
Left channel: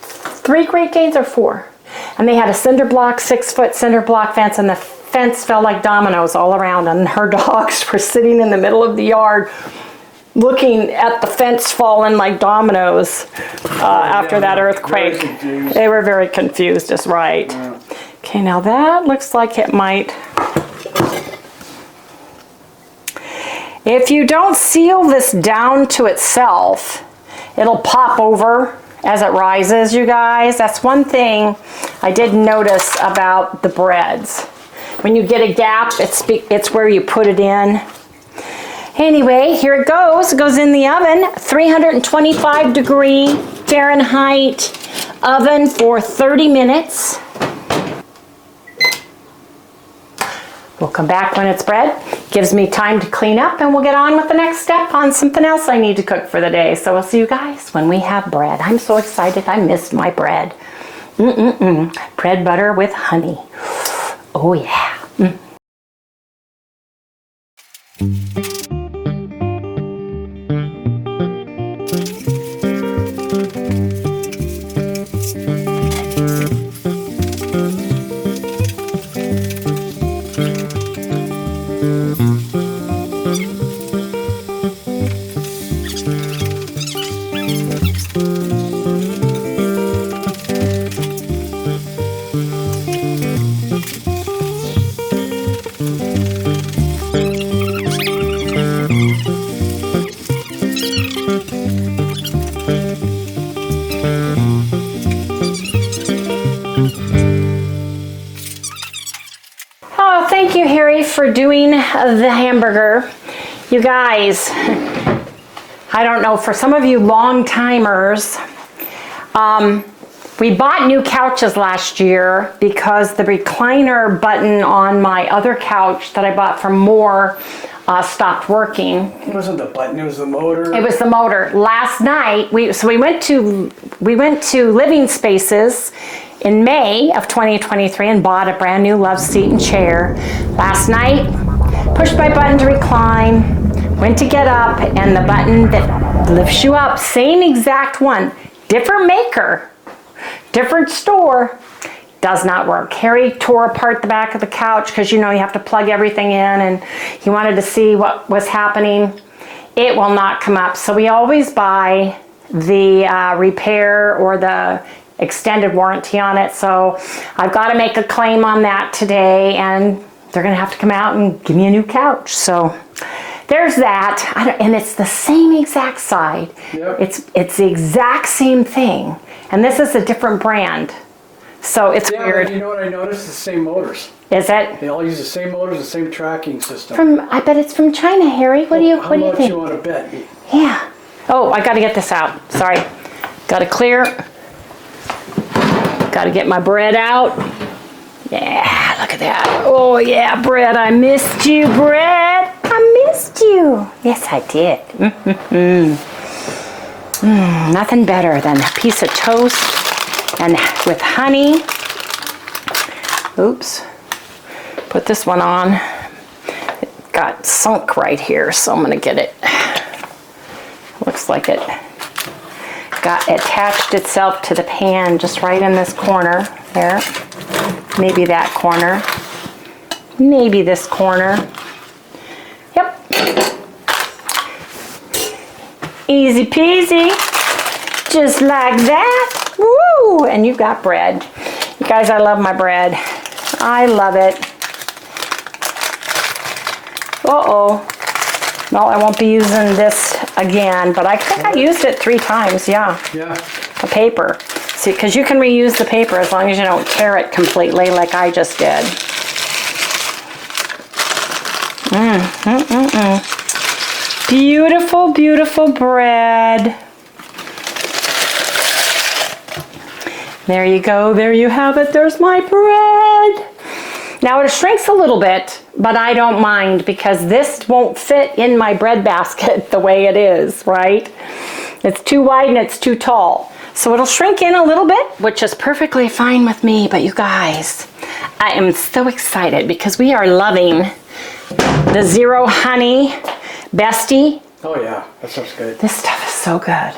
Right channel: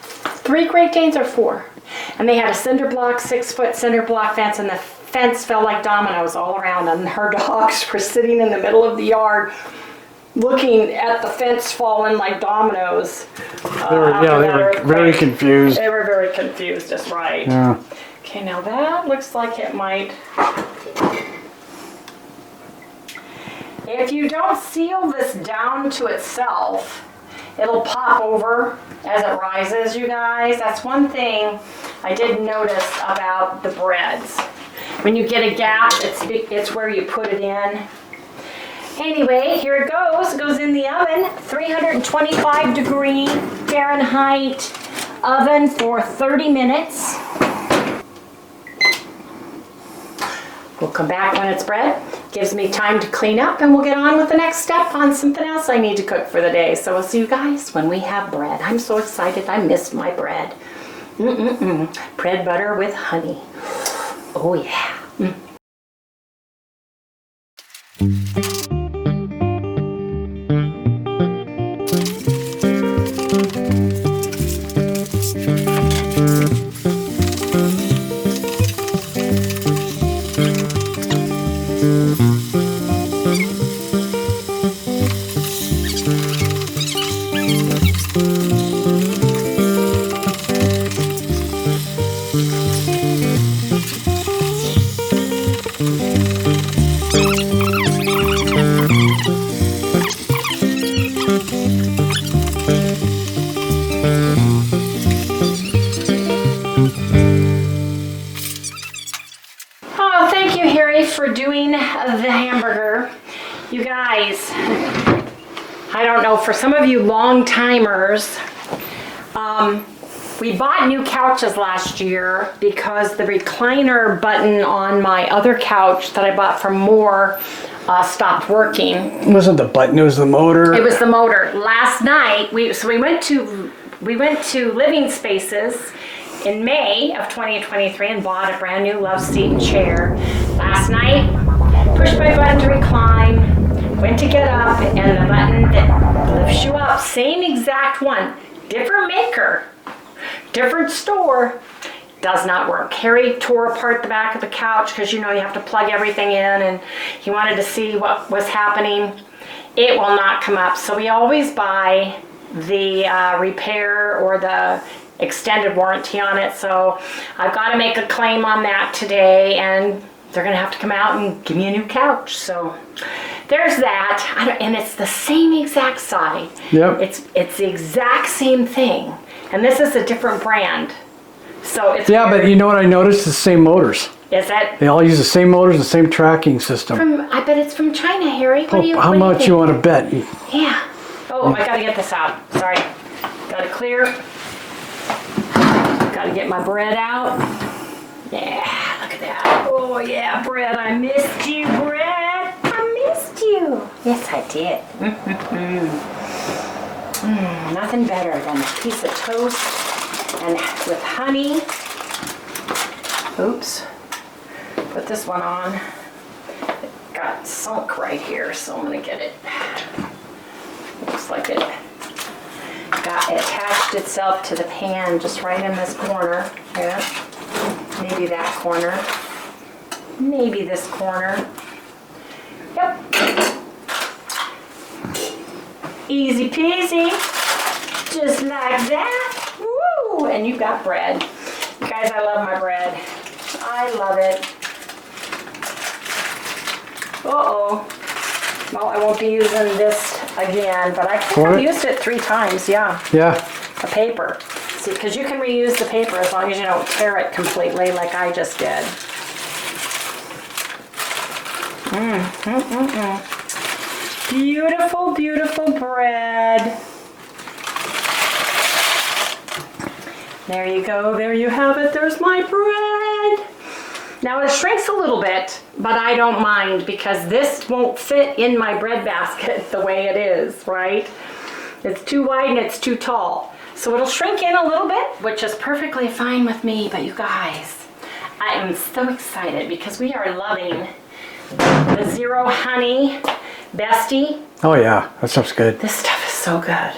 3 Great Danes or 4. And they had a cinder block, 6-foot cinder block fence, and the fence fell like dominoes all around. And her dogs were sitting in the middle of the yard looking at the fence falling like dominoes after that earthquake. Very confused. They were very confused, is right. Yeah. Okay, now that looks like it might. If you don't seal this down to itself, it'll pop over as it rises, you guys. That's one thing I did notice about the breads. When you get a gap, it's where you put it in. Anyway, here it goes. It goes in the oven, 325 degree Fahrenheit oven for 30 minutes. We'll come back when it's bread. Gives me time to clean up, and we'll get on with the next step on something else I need to cook for the day. So we'll see you guys when we have bread. I'm so excited. I missed my bread. Bread butter with honey. Oh yeah. Oh, thank you, Harry, for doing the hamburger. You guys, I don't know, for some of you long timers, we bought new couches last year because the recliner button on my other couch that I bought from Moore stopped working. It wasn't the button, it was the motor. It was the motor. Last night, we went to Living Spaces in May of 2023 and bought a brand new love seat and chair. Last night, pushed my button to recline, went to get up, and the button that lifts you up, same exact one, different maker, different store, does not work. Harry tore apart the back of the couch because you know you have to plug everything in, and he wanted to see what was happening. It will not come up. So we always buy the repair or the extended warranty on it. So I've got to make a claim on that today, and they're going to have to come out and give me a new couch. So there's that. And it's the same exact side. Yep. It's the exact same thing. And this is a different brand. So it's Yeah, weird. but you know what I noticed? The same motors. Is it? They all use the same motors, the same tracking system. I bet it's from China, Harry. What do you How what do much think? you want to bet? Yeah. Oh, I got to get this out. Sorry. Got to clear. Got to get my bread out. Yeah, look at that. Oh, yeah, bread. I missed you, bread. I missed you. Yes, I did. Nothing better than a piece of toast and with honey. Oops. Put this one on. It got sunk right here, so I'm going to get it. Looks like it got attached itself to the pan just right in this corner there. Maybe that corner. Maybe this corner. Yep. Easy peasy. Just like that. Woo! And you got bread. You guys, I love my bread. I love it. Uh-oh. No, I won't be using this again, but I think I've used it 3 times, yeah. Yeah. A paper. See, because you can reuse the paper as long as you don't tear it completely like I just did. Beautiful, beautiful bread. There you go, there you have it, there's my bread. Now it shrinks a little bit, but I don't mind because this won't fit in my bread basket the way it is, right? It's too wide and it's too tall. So it'll shrink in a little bit, which is perfectly fine with me. But you guys, I am so excited because we are loving the Zero Honey Bestie. Oh yeah, that stuff's good. This stuff is so good.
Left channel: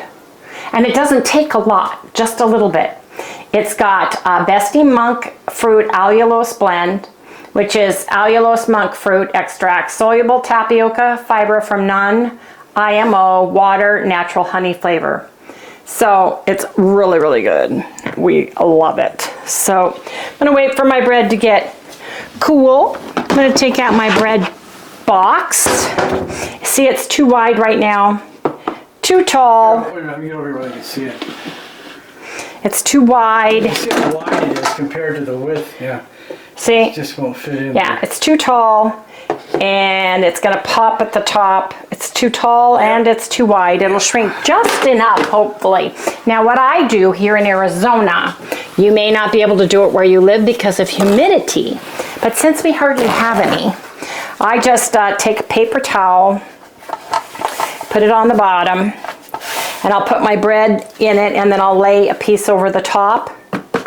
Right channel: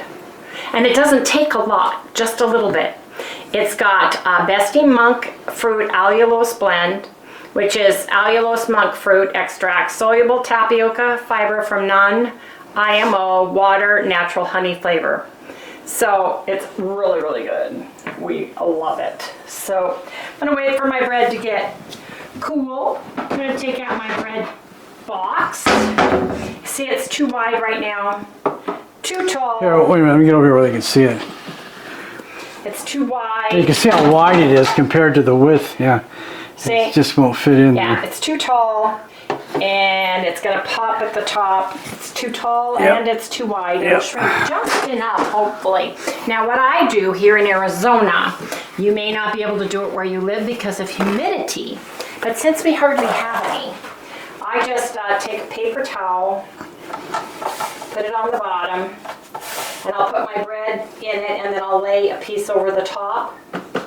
And it doesn't take a lot, just a little bit. It's got Bestie Monk Fruit Allulose Blend, which is allulose monk fruit extract, soluble tapioca fiber from non-IMO water, natural honey flavor. So it's really, really good. We love it. So I'm gonna wait for my bread to get cool. I'm gonna take out my bread box. See, it's too wide right now, too tall. Here, wait a minute, let me get over here where they can see it. It's too You wide. can see how wide it is compared to the width, yeah. See? It just won't fit in Yeah, there. it's too tall and it's gonna pop at the top. It's too tall and it's too wide. It'll shrink just enough, hopefully. Now what I do here in Arizona, you may not be able to do it where you live because of humidity, but since we hardly have any, I just take a paper towel, put it on the bottom, and I'll put my bread in it and then I'll lay a piece over the top,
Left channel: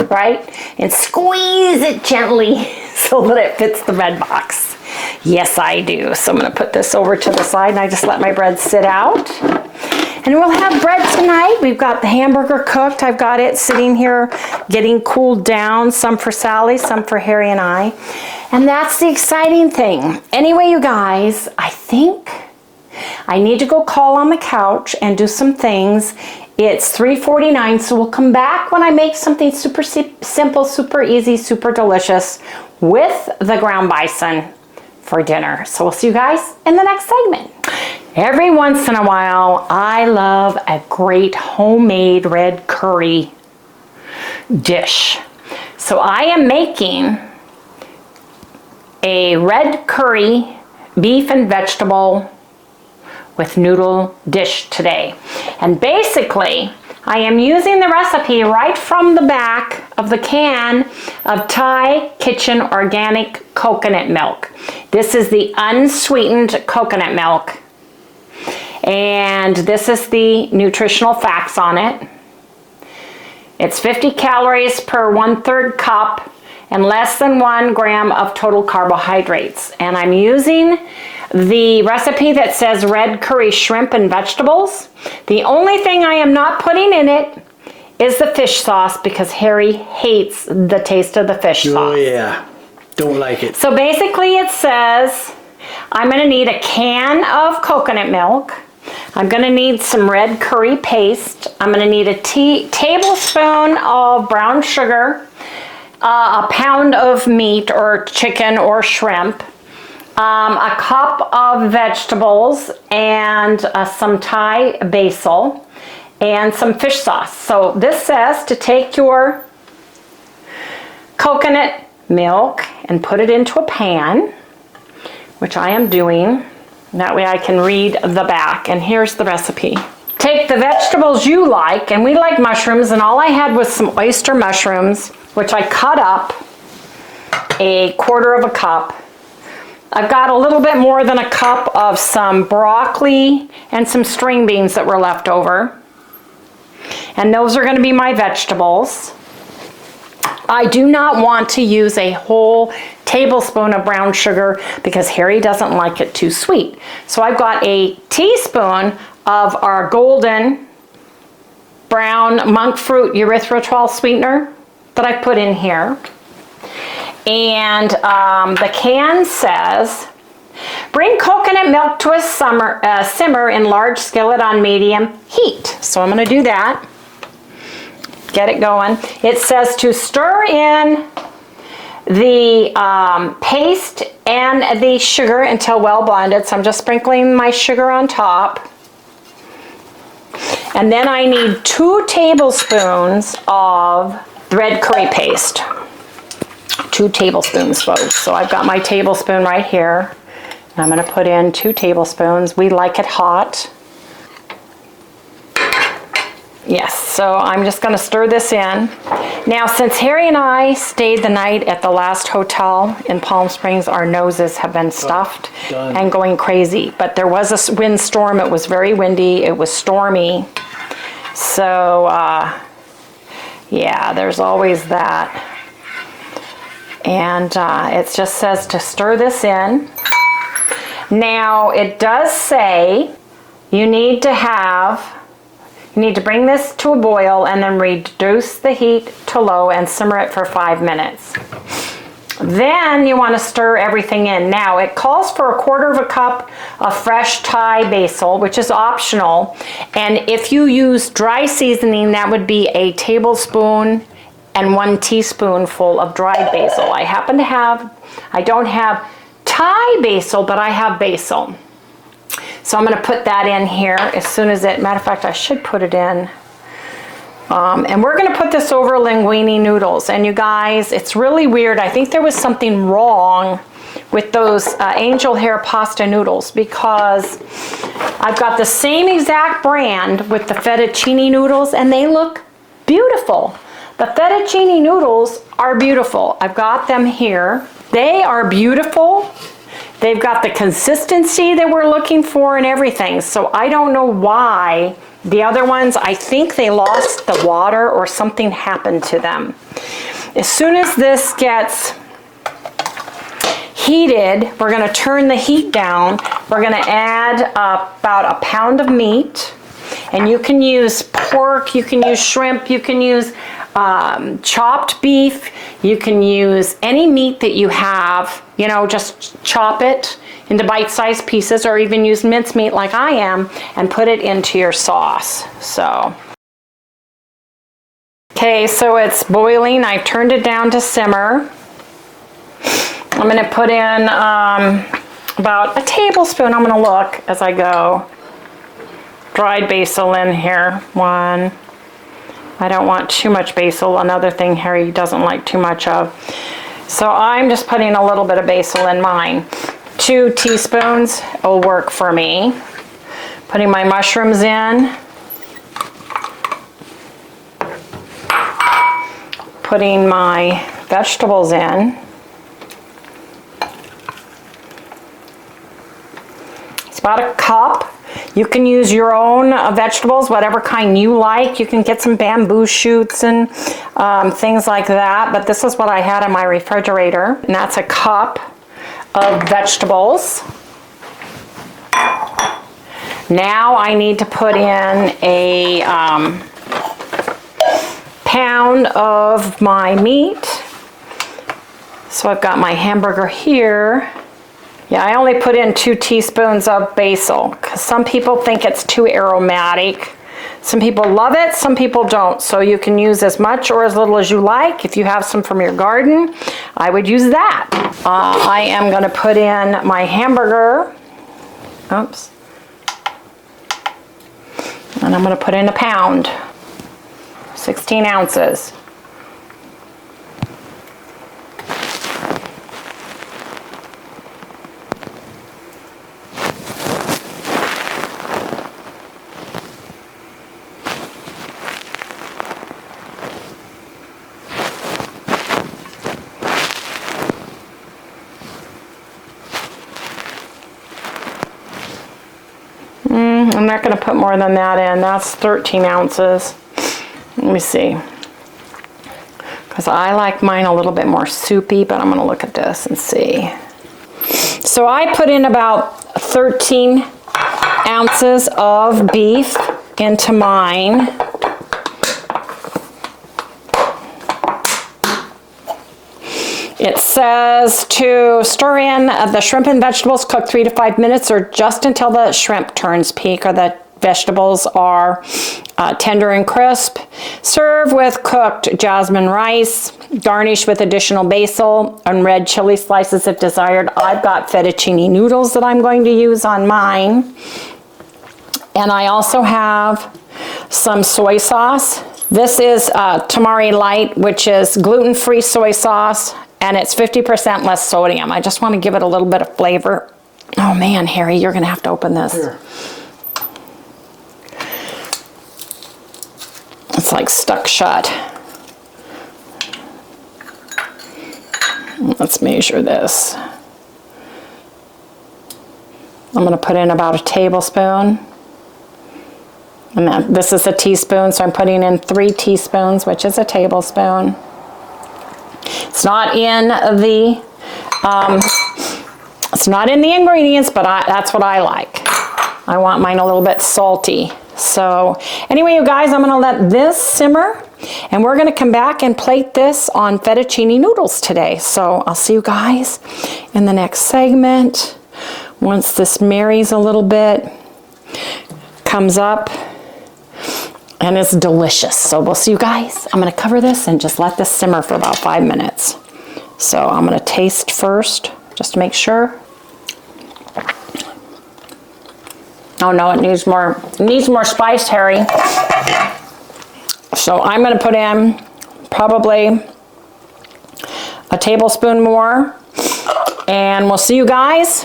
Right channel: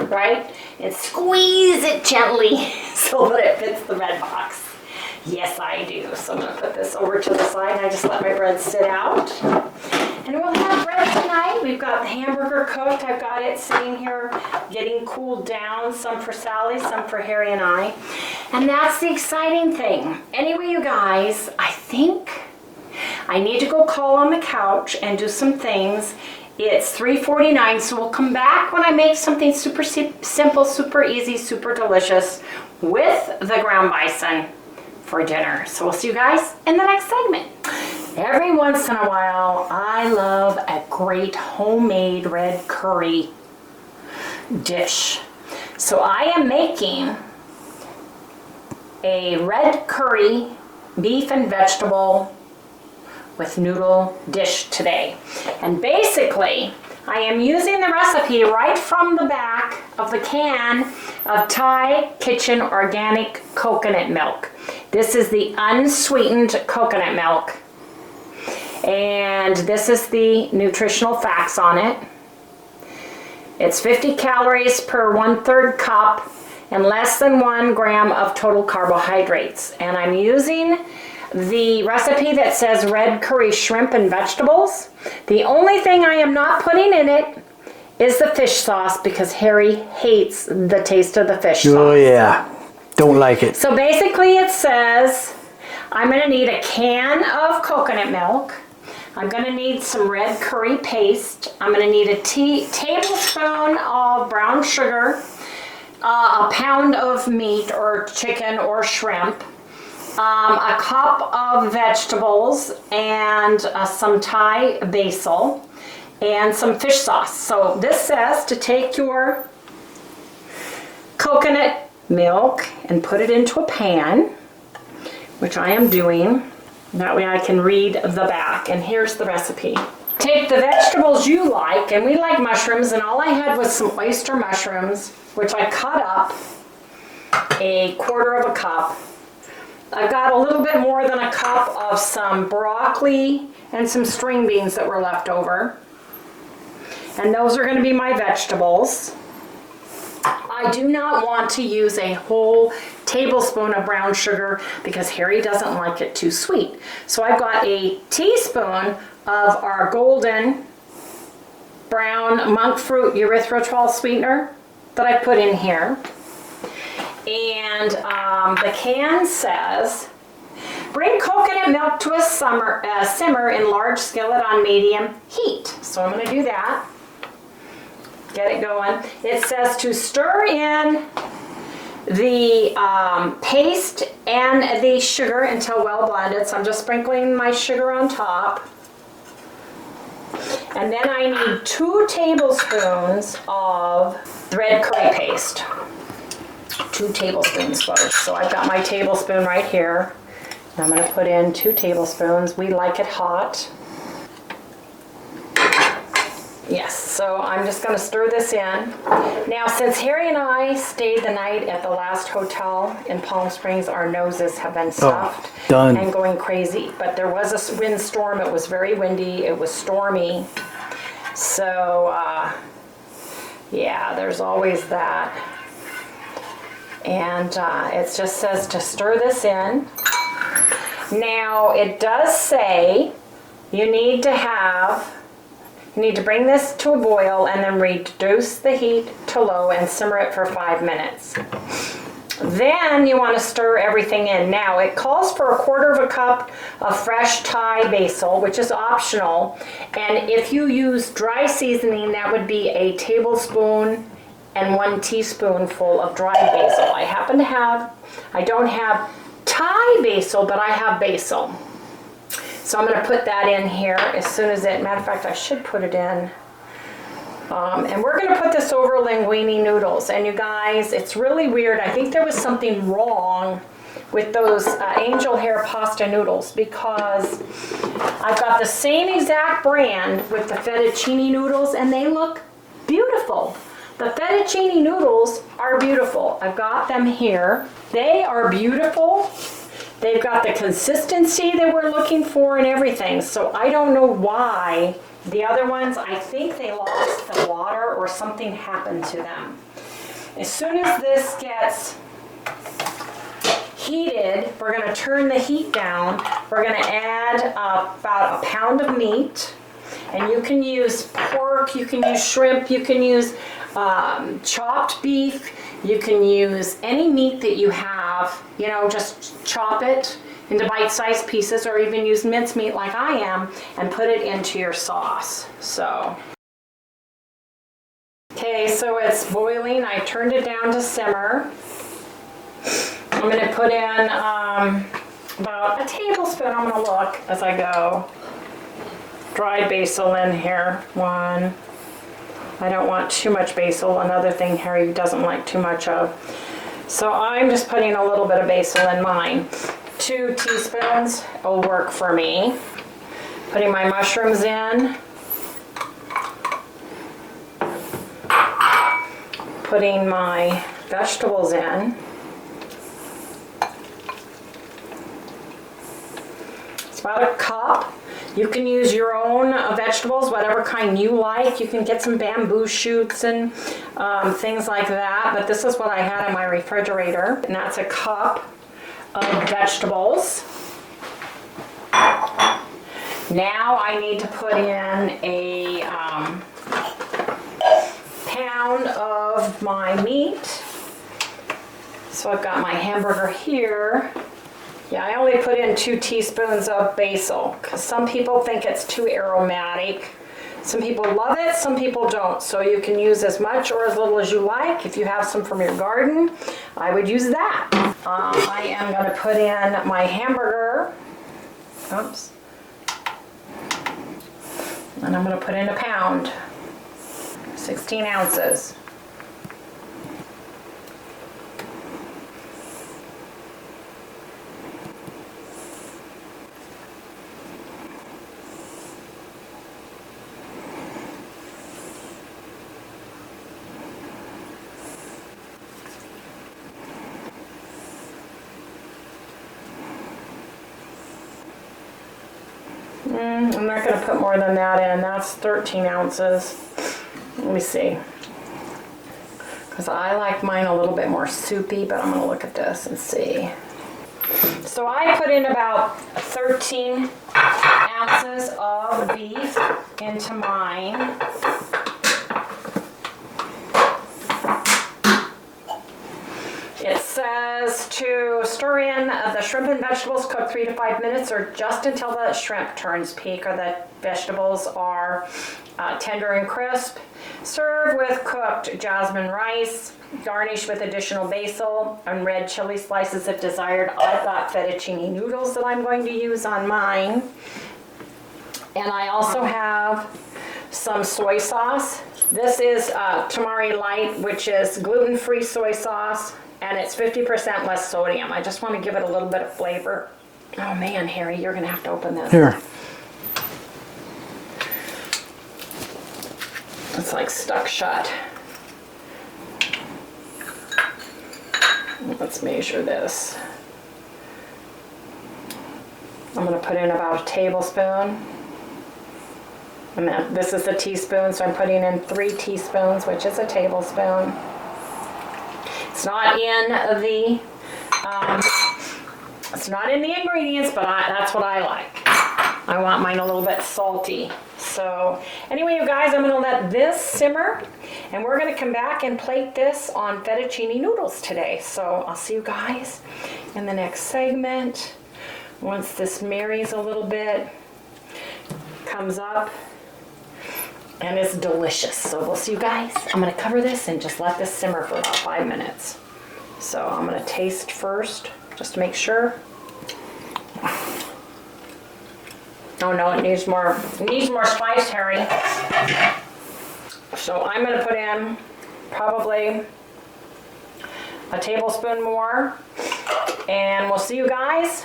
right? And squeeze it gently so that it fits the bread box. Yes, I do. So I'm gonna put this over to the side and I just let my bread sit out. And we'll have bread tonight. We've got the hamburger cooked. I've got it sitting here getting cooled down, some for Sally, some for Harry and I. And that's the exciting thing. Anyway, you guys, I think I need to go call on the couch and do some things. It's 3:49, so we'll come back when I make something super simple, super easy, super delicious with the ground bison for dinner. So we'll see you guys in the next segment. Every once in a while, I love a great homemade red curry dish. So I am making a red curry beef and vegetable with noodle dish today. And basically, I am using the recipe right from the back of the can of Thai Kitchen Organic Coconut Milk. This is the unsweetened coconut milk. And this is the nutritional facts on it. It's 50 calories per 1/3 cup and less than 1 gram of total carbohydrates. And I'm using the recipe that says red curry shrimp and vegetables. The only thing I am not putting in it is the fish sauce because Harry hates the taste of the fish sauce. Oh yeah, don't like it. So basically it says I'm gonna need a can of coconut milk, I'm gonna need some red curry paste. I'm gonna need a tablespoon of brown sugar, a pound of meat or chicken or shrimp, a cup of vegetables, and some Thai basil, and some fish sauce. So this says to take your coconut milk and put it into a pan, which I am doing. That way I can read the back, and here's the recipe. Take the vegetables you like, and we like mushrooms, and all I had was some oyster mushrooms, which I cut up a quarter of a cup. I've got a little bit more than a cup of some broccoli and some string beans that were left over. And those are gonna be my vegetables. I do not want to use a whole tablespoon of brown sugar because Harry doesn't like it too sweet. So I've got a teaspoon of our golden brown monk fruit erythritol sweetener that I put in here. And the can says, bring coconut milk to a simmer in large skillet on medium heat. So I'm gonna do that. Get it going. It says to stir in the paste and the sugar until well blended. So I'm just sprinkling my sugar on top. And then I need 2 tablespoons of red curry paste. 2 tablespoons, folks. So I've got my tablespoon right here. And I'm gonna put in 2 tablespoons. We like it hot. Yes, so I'm just gonna stir this in. Now, since Harry and I stayed the night at the last hotel in Palm Springs, our noses have been stuffed and going crazy. But there was a windstorm, it was very windy, it was stormy. So, yeah, there's always that. And it just says to stir this in. Now, it does say you need to bring this to a boil and then reduce the heat to low and simmer it for 5 minutes. Then you want to stir everything in. Now it calls for a quarter of a cup of fresh Thai basil, which is optional. And if you use dry seasoning, that would be a tablespoon and 1 teaspoonful of dried basil. I don't have Thai basil, but I have basil. So I'm gonna put that in here as soon as matter of fact, I should put it in. And we're gonna put this over linguine noodles. And you guys, it's really weird. I think there was something wrong with those angel hair pasta noodles because I've got the same exact brand with the fettuccine noodles and they look beautiful. The fettuccine noodles are beautiful. I've got them here. They are beautiful. They've got the consistency that we're looking for and everything. So I don't know why the other ones, I think they lost the water or something happened to them. As soon as this gets heated, we're gonna turn the heat down. We're gonna add about a pound of meat. And you can use pork, you can use shrimp, you can use chopped beef, you can use any meat that you have, you know, just chop it into bite-sized pieces or even use mincemeat like I am and put it into your sauce. So, okay, so it's boiling. I turned it down to simmer. I'm gonna put in about a tablespoon, I'm gonna look as I go. Dried basil in here, 1. I don't want too much basil, another thing Harry doesn't like too much of. So I'm just putting a little bit of basil in mine. 2 teaspoons will work for me. Putting my mushrooms in. Putting my vegetables in. It's about a cup. You can use your own vegetables, whatever kind you like. You can get some bamboo shoots and things like that, but this is what I had in my refrigerator, and that's a cup of vegetables. Now I need to put in a pound of my meat. So I've got my hamburger here. Yeah, I only put in 2 teaspoons of basil because some people think it's too aromatic. Some people love it, some people don't. So you can use as much or as little as you like. If you have some from your garden, I would use that. I am going to put in my hamburger. Oops. And I'm going to put in a pound. 16 ounces. I'm not going to put more than that in. That's 13 ounces. Let me see. Because I like mine a little bit more soupy, but I'm going to look at this and see. So I put in about 13 ounces of beef into mine. It says to stir in the shrimp and vegetables, cook 3 to 5 minutes or just until the shrimp turns pink or the vegetables are tender and crisp. Serve with cooked jasmine rice. Garnish with additional basil and red chili slices if desired. I've got fettuccine noodles that I'm going to use on mine. And I also have some soy sauce. This is Tamari Light, which is gluten-free soy sauce. And it's 50% less sodium. I just want to give it a little bit of flavor. Oh man, Harry, you're gonna have to open this. Here. It's like stuck shut. Let's measure this. I'm gonna put in about a tablespoon. And then this is a teaspoon, so I'm putting in 3 teaspoons, which is a tablespoon. It's not in the ingredients, but that's what I like. I want mine a little bit salty. So anyway, you guys, I'm going to let this simmer, and we're going to come back and plate this on fettuccine noodles today. So I'll see you guys in the next segment. Once this marries a little bit, comes up, and it's delicious. So we'll see you guys. I'm gonna cover this and just let this simmer for about 5 minutes. So I'm gonna taste first, just to make sure. Oh no, it needs more spice, Harry. So I'm gonna put in probably a tablespoon more, and we'll see you guys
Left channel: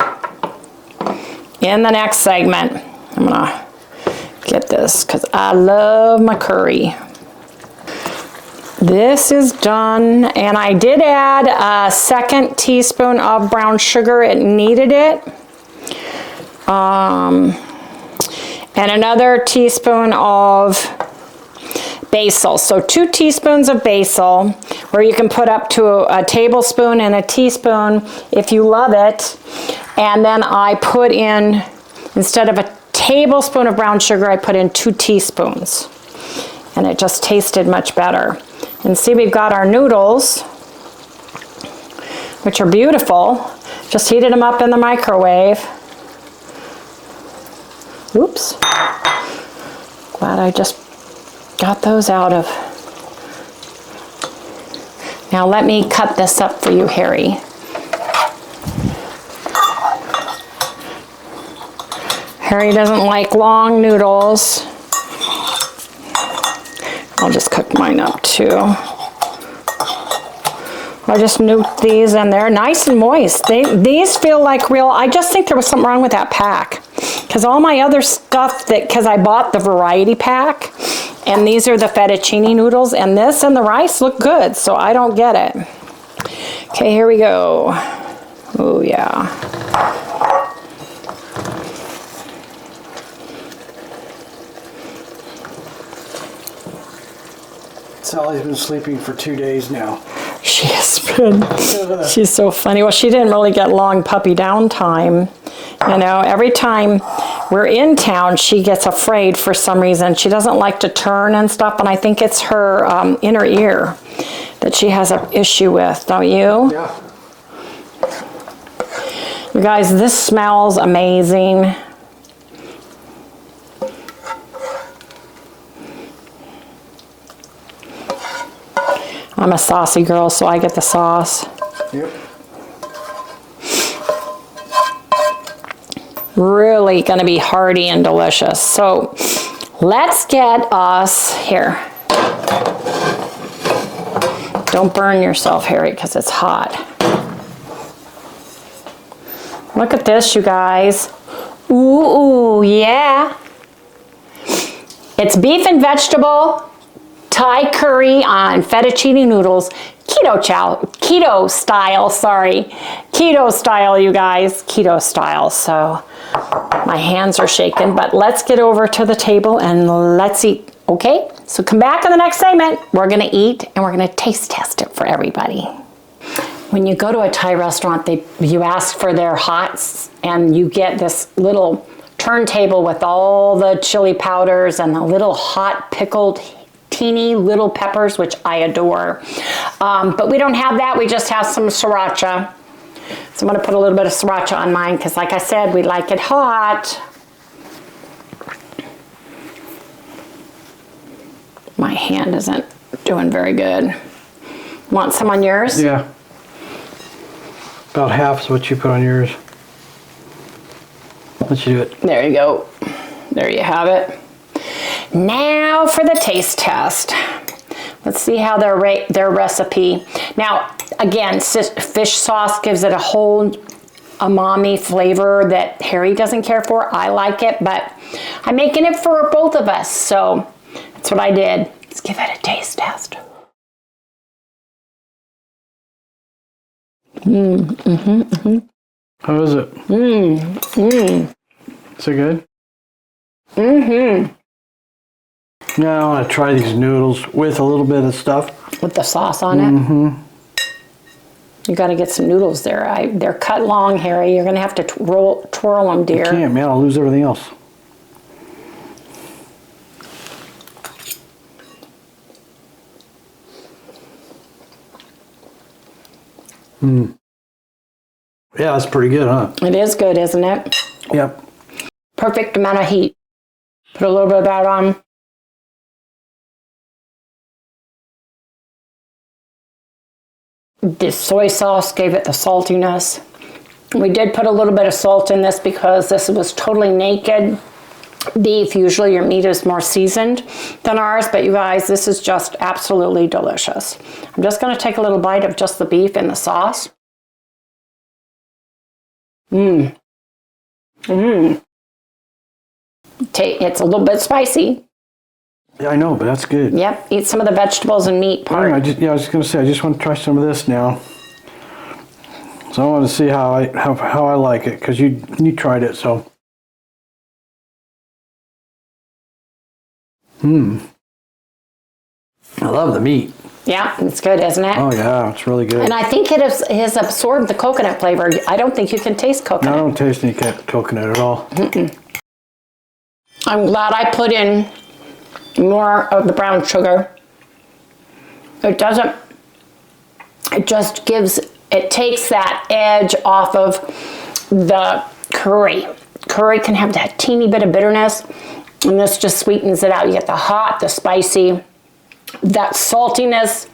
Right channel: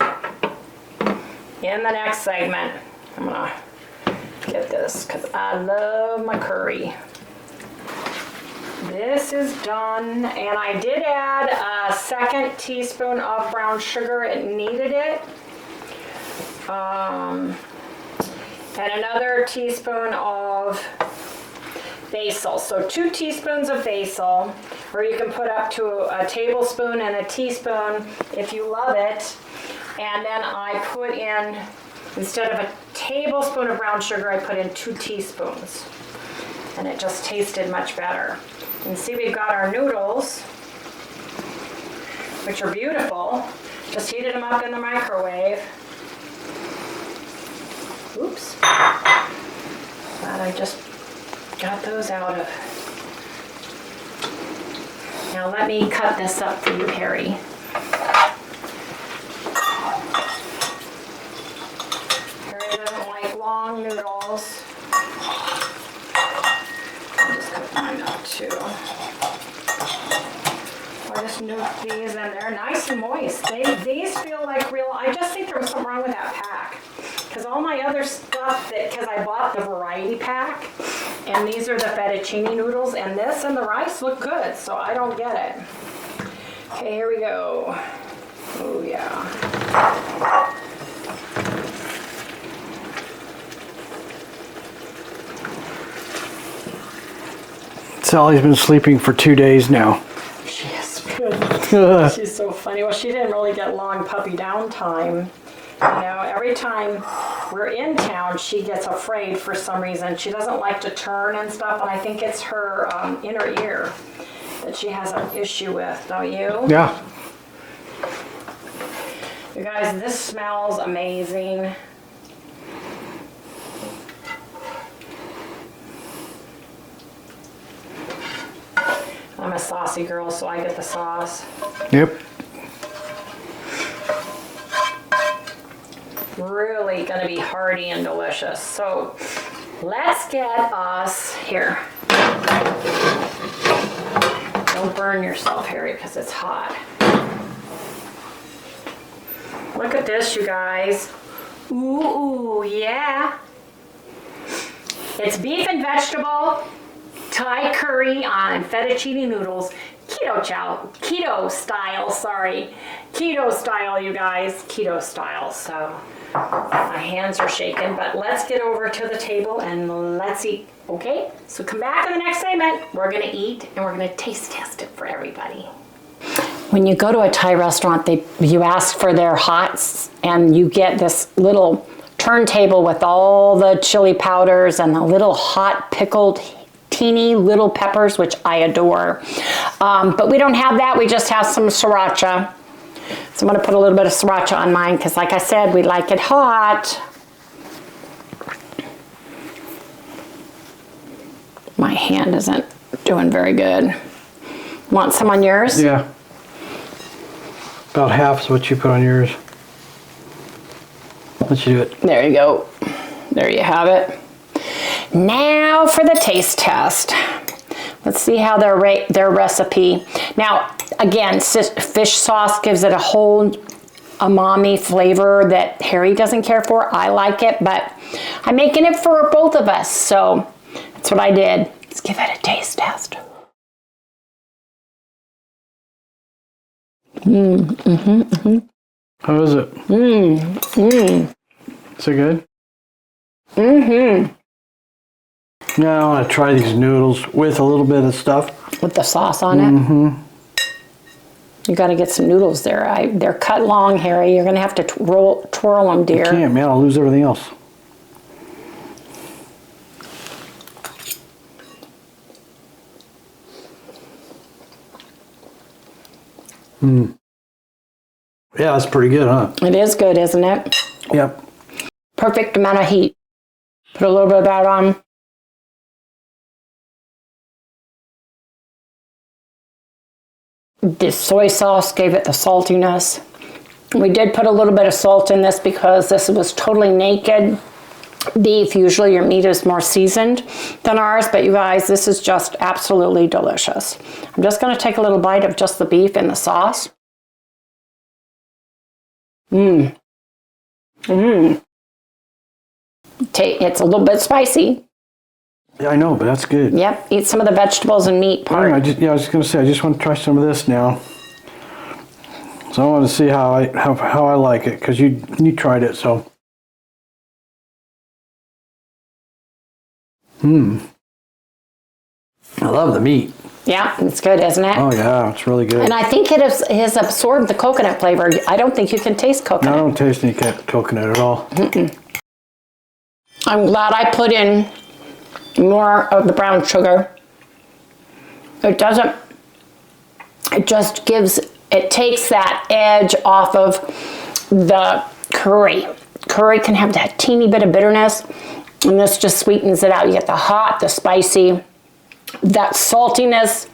in the next segment. I'm gonna get this because I love my curry. This is done, and I did add a 2nd teaspoon of brown sugar. It needed it. And another teaspoon of basil. So 2 teaspoons of basil, where you can put up to a tablespoon and a teaspoon if you love it. And then I put in, instead of a tablespoon of brown sugar, I put in 2 teaspoons, and it just tasted much better. And see, we've got our noodles, which are beautiful. Just heated them up in the microwave. Oops. Glad I just got those out of. Now let me cut this up for you, Harry. Harry doesn't like long noodles. I'll just cook mine up too. I just nuked these, and they're nice and moist. These feel like real. I just think there was something wrong with that pack, because all my other stuff, because I bought the variety pack, and these are the fettuccine noodles, and this and the rice look good, so I don't get it. Okay, here we go. Oh yeah. Sally's been sleeping for 2 days now. She has been. She's so funny. Well, she didn't really get long puppy down time. You know, every time we're in town, she gets afraid for some reason. She doesn't like to turn and stuff, and I think it's her inner ear that she has an issue with, don't you? Yeah. You guys, this smells amazing. I'm a saucy girl, so I get the sauce. Yep. Really gonna be hearty and delicious. So let's get us here. Don't burn yourself, Harry, because it's hot. Look at this, you guys. Ooh, yeah. It's beef and vegetable Thai curry on fettuccine noodles, keto style, sorry. Keto style, you guys, keto style. So my hands are shaking, but let's get over to the table and let's eat, okay? So come back in the next segment. We're gonna eat and we're gonna taste test it for everybody. When you go to a Thai restaurant, you ask for their hots and you get this little turntable with all the chili powders and the little hot pickled teeny little peppers, which I adore. But we don't have that, we just have some sriracha. So I'm gonna put a little bit of sriracha on mine because like I said, we like it hot. My hand isn't doing very good. Want some on yours? Yeah. About half is what you put on yours. Let's do it. There you go. There you have it. Now for the taste test. Let's see how their recipe. Now, again, fish sauce gives it a whole umami flavor that Harry doesn't care for. I like it, but I'm making it for both of us, so that's what I did. Let's give it a taste test. How is it? Is it good? Now I want to try these noodles with a little bit of stuff. With the sauce on it? You got to get some noodles there. They're cut long, Harry. You're going to have to twirl them, dear. I can't, man. I'll lose everything else. Yeah, that's pretty good, huh? It is good, isn't it? Yep. Perfect amount of heat. Put a little bit of that on. The soy sauce gave it the saltiness. We did put a little bit of salt in this because this was totally naked beef. Usually your meat is more seasoned than ours, but you guys, this is just absolutely delicious. I'm just going to take a little bite of just the beef and the sauce. It's a little bit spicy. Yeah, I know, but that's good. Yep, eat some of the vegetables and meat part. I was just going to say, I just want to try some of this now. So I want to see how I like it, because you tried it, so. I love the meat. Yeah, it's good, isn't it? Oh yeah, it's really good. And I think it has absorbed the coconut flavor. I don't think you can taste coconut. No, I don't taste any coconut at all. I'm glad I put in more of the brown sugar. It takes that edge off of the curry. Curry can have that teeny bit of bitterness, and this just sweetens it out. You get the hot, the spicy, that saltiness.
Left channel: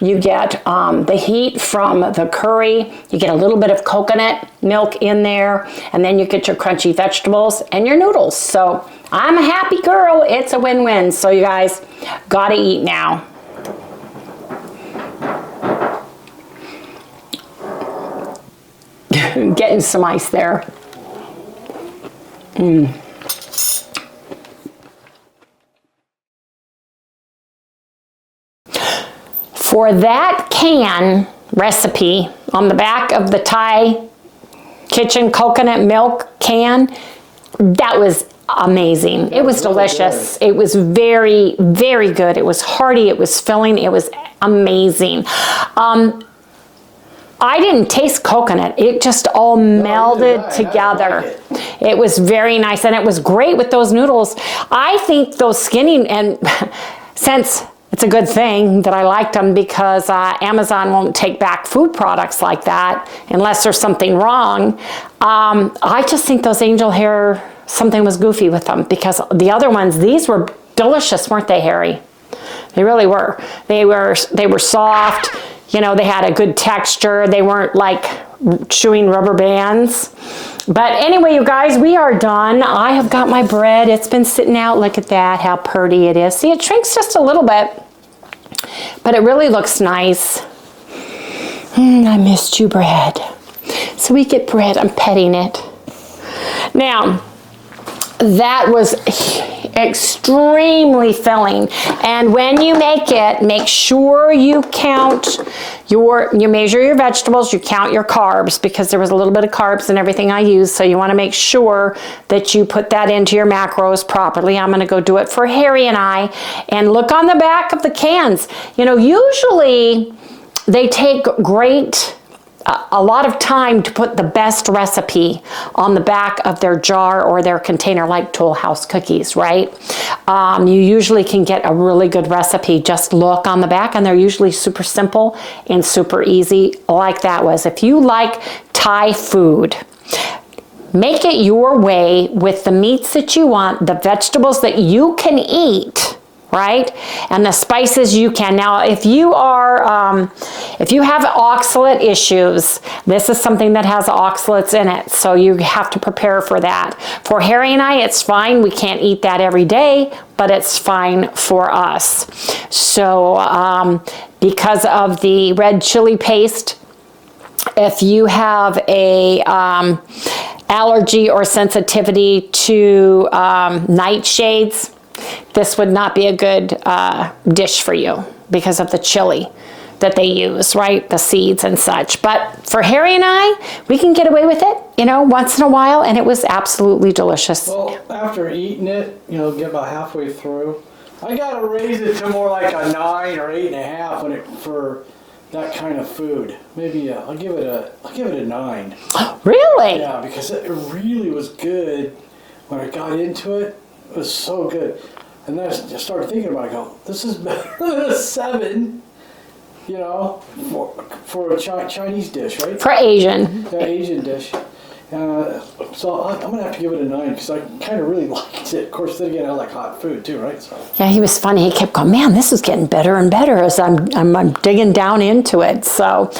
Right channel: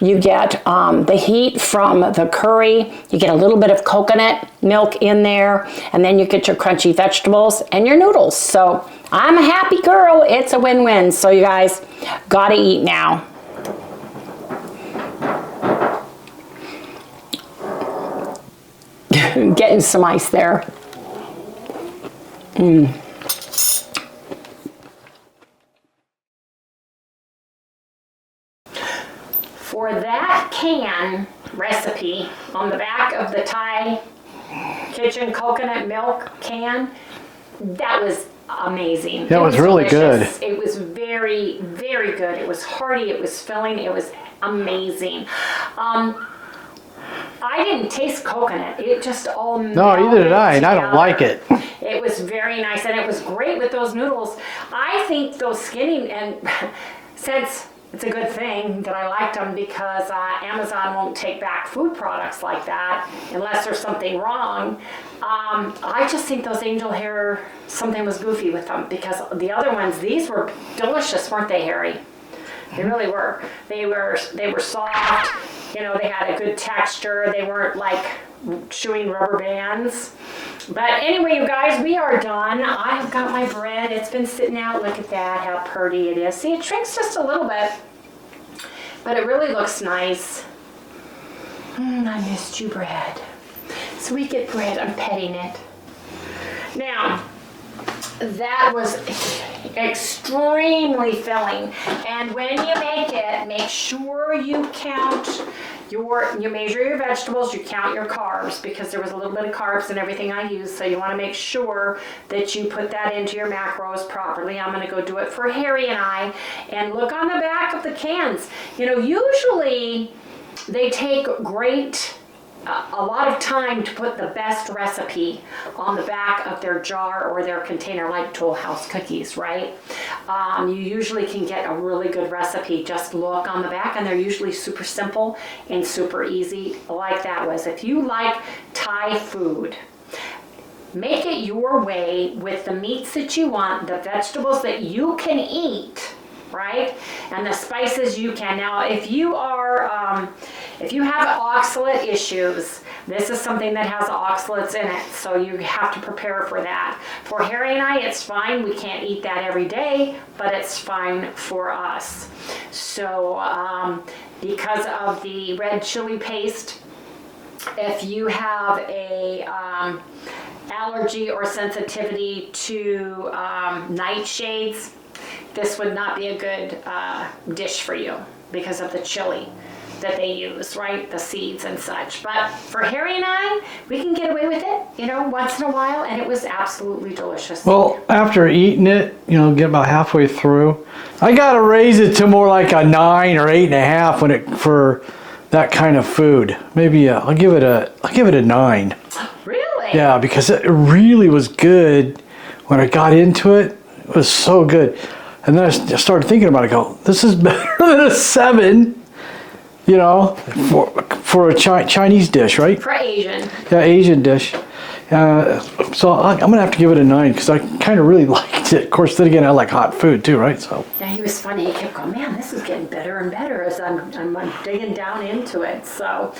You get the heat from the curry. You get a little bit of coconut milk in there, and then you get your crunchy vegetables and your noodles. So I'm a happy girl. It's a win-win. So you guys gotta eat now. Getting some ice there. For that can recipe on the back of the Thai Kitchen coconut milk can, that was amazing. That it was really delicious. good. It was very, very good. It was hearty. It was filling. It was amazing. I didn't taste coconut. It just all melded together. And I don't like it. It was very nice, and it was great with those noodles. I think those skinny, and since it's a good thing that I liked them because Amazon won't take back food products like that unless there's something wrong. I just think those angel hair, something was goofy with them because the other ones, these were delicious, weren't they, Harry? They really were. They were soft. You know, they had a good texture. They weren't like chewing rubber bands. But anyway, you guys, we are done. I have got my bread. It's been sitting out. Look at that, how pretty it is. See, it shrinks just a little bit, but it really looks nice. I missed you, bread. So we get bread. I'm petting it. Now, that was extremely filling, and when you make it, make sure you count you measure your vegetables, you count your carbs, because there was a little bit of carbs in everything I used, so you want to make sure that you put that into your macros properly. I'm going to go do it for Harry and I, and look on the back of the cans. You know, usually they take a lot of time to put the best recipe on the back of their jar or their container, like Toll House cookies, right? You usually can get a really good recipe. Just look on the back, and they're usually super simple and super easy, like that was. If you like Thai food, make it your way with the meats that you want, the vegetables that you can eat, right? And the spices you can. Now, if you have oxalate issues, this is something that has oxalates in it, so you have to prepare for that. For Harry and I, it's fine. We can't eat that every day, but it's fine for us. So, because of the red chili paste, if you have a allergy or sensitivity to nightshades, this would not be a good dish for you because of the chili that they use, right? The seeds and such. But for Harry and I, we can get away with it, you know, once in a while, and it was absolutely delicious. Well, after eating it, you know, get about halfway through, I gotta raise it to more like a 9 or 8.5 for that kind of food. Maybe I'll give it a 9. Really? Yeah, because it really was good when I got into it. It was so good. And then I started thinking about it, this is better than a 7, you know, for a Chinese dish, right? For Asian. Yeah, Asian dish. So I'm going to have to give it a 9 because I kind of really liked it. Of course, then again, I like hot food too, right? So. Yeah, he was funny. He kept going, man, this is getting better and better as I'm digging down into it. So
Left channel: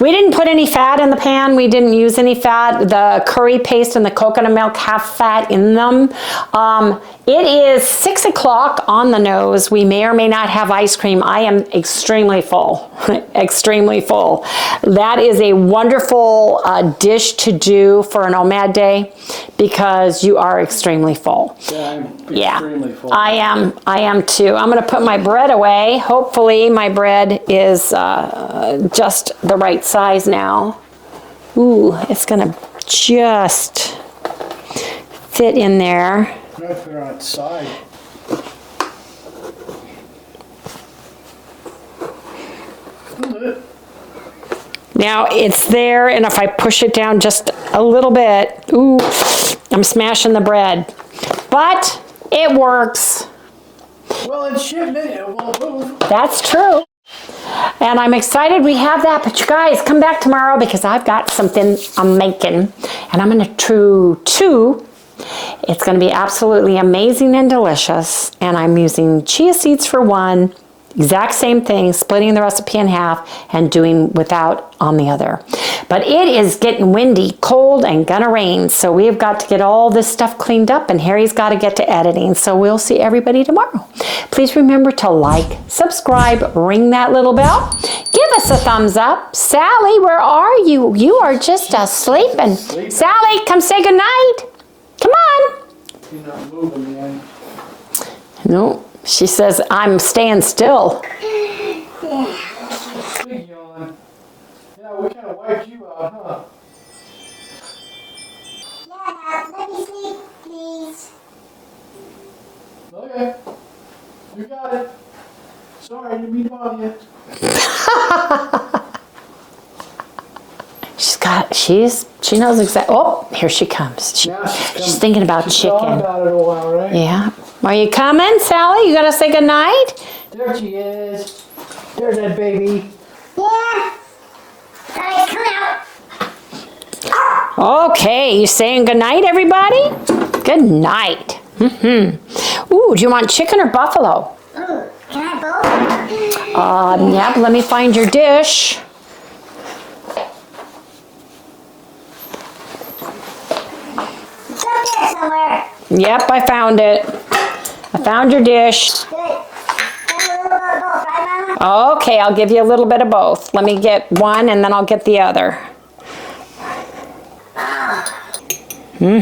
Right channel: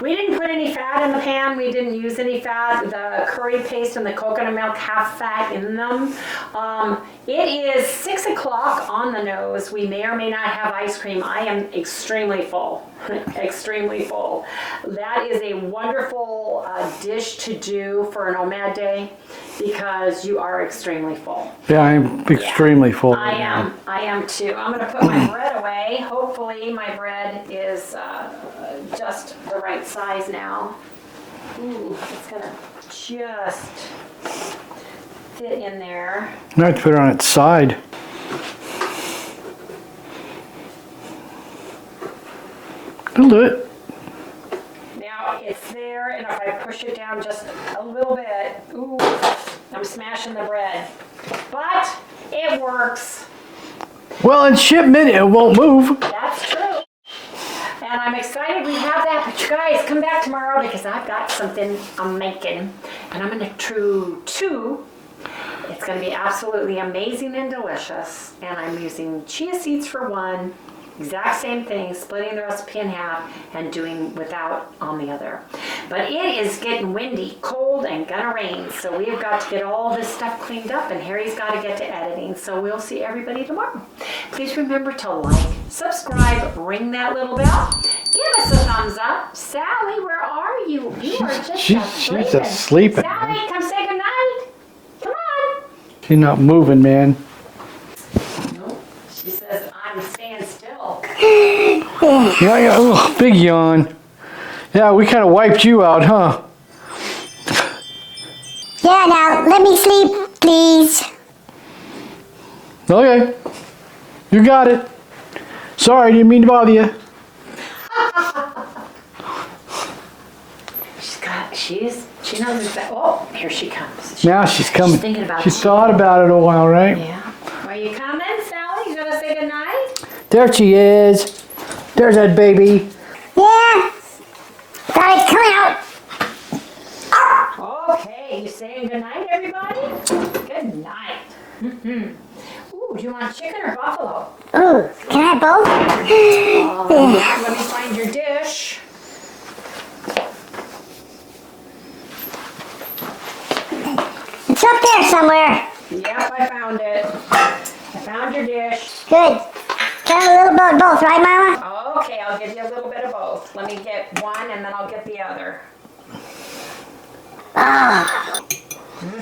we didn't put any fat in the pan. We didn't use any fat. The curry paste and the coconut milk have fat in them. It is 6 o'clock on the nose. We may or may not have ice cream. I am extremely full, extremely full. That is a wonderful dish to do for an OMAD day because you are extremely full. Yeah, I'm extremely full. I am too. I'm going to put my bread away. Hopefully my bread is just the right size now. Ooh, it's going to just fit in there. I have to put it on its side. I'll do it. Now it's there, and if I push it down just a little bit, ooh, I'm smashing the bread. But it works. Well, in shipment, it won't move. That's true. And I'm excited we have that, but you guys come back tomorrow because I've got something I'm making, and I'm going to chew. It's going to be absolutely amazing and delicious, and I'm using chia seeds for one, exact same thing, splitting the recipe in half and doing without on the other. But it is getting windy, cold, and gonna rain, so we've got to get all this stuff cleaned up, and Harry's got to get to editing, so we'll see everybody tomorrow. Please remember to like, subscribe, ring that little bell, give us a thumbs up. Sally, where are you? You are just sleeping. Sally, come say goodnight. Come on. She's not moving, man. No, she says, I'm staying still. Yeah, oh, big yawn. Yeah, we kind of wiped you out, huh? Yeah, now, let me sleep, please. Okay. You got it. Sorry, didn't mean to bother you. She knows exactly. Oh, here she comes. Now she's coming. She's thinking about She's chicken. thought about it a while, right? Yeah. Are you coming, Sally? You gotta say goodnight? There she is. There's that baby. Yeah. Got it coming out. Okay, you saying goodnight, everybody? Good night. Ooh, do you want chicken or buffalo? Ooh, can I have both? Yeah, let me find your dish. It's up there somewhere. Yep, I found it. I found your dish. Good. Can I have a little bit of both, right, Mama? Okay, I'll give you a little bit of both. Let me get one and then I'll get the other. Let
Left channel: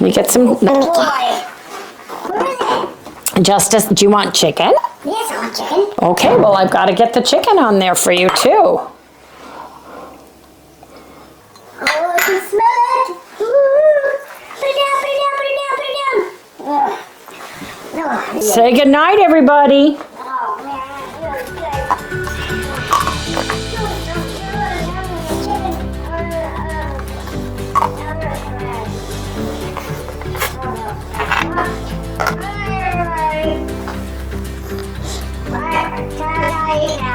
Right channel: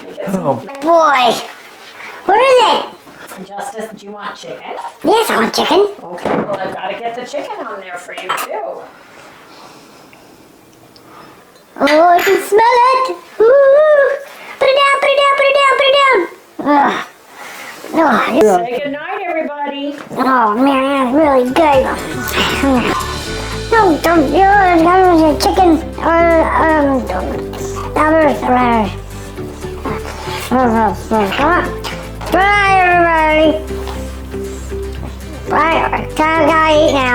me get some. Oh boy. Where is it? Justice, do you want chicken? Yes, I want chicken. Okay, well, I've got to get the chicken on there for you, too. Oh, I can smell it. Ooh. Put it down, put it down, put it down, put it down. Oh, Say goodnight, everybody. oh man, that's really good. Don't do it. That was a chicken. Bye, everybody. Bye. Gotta eat now.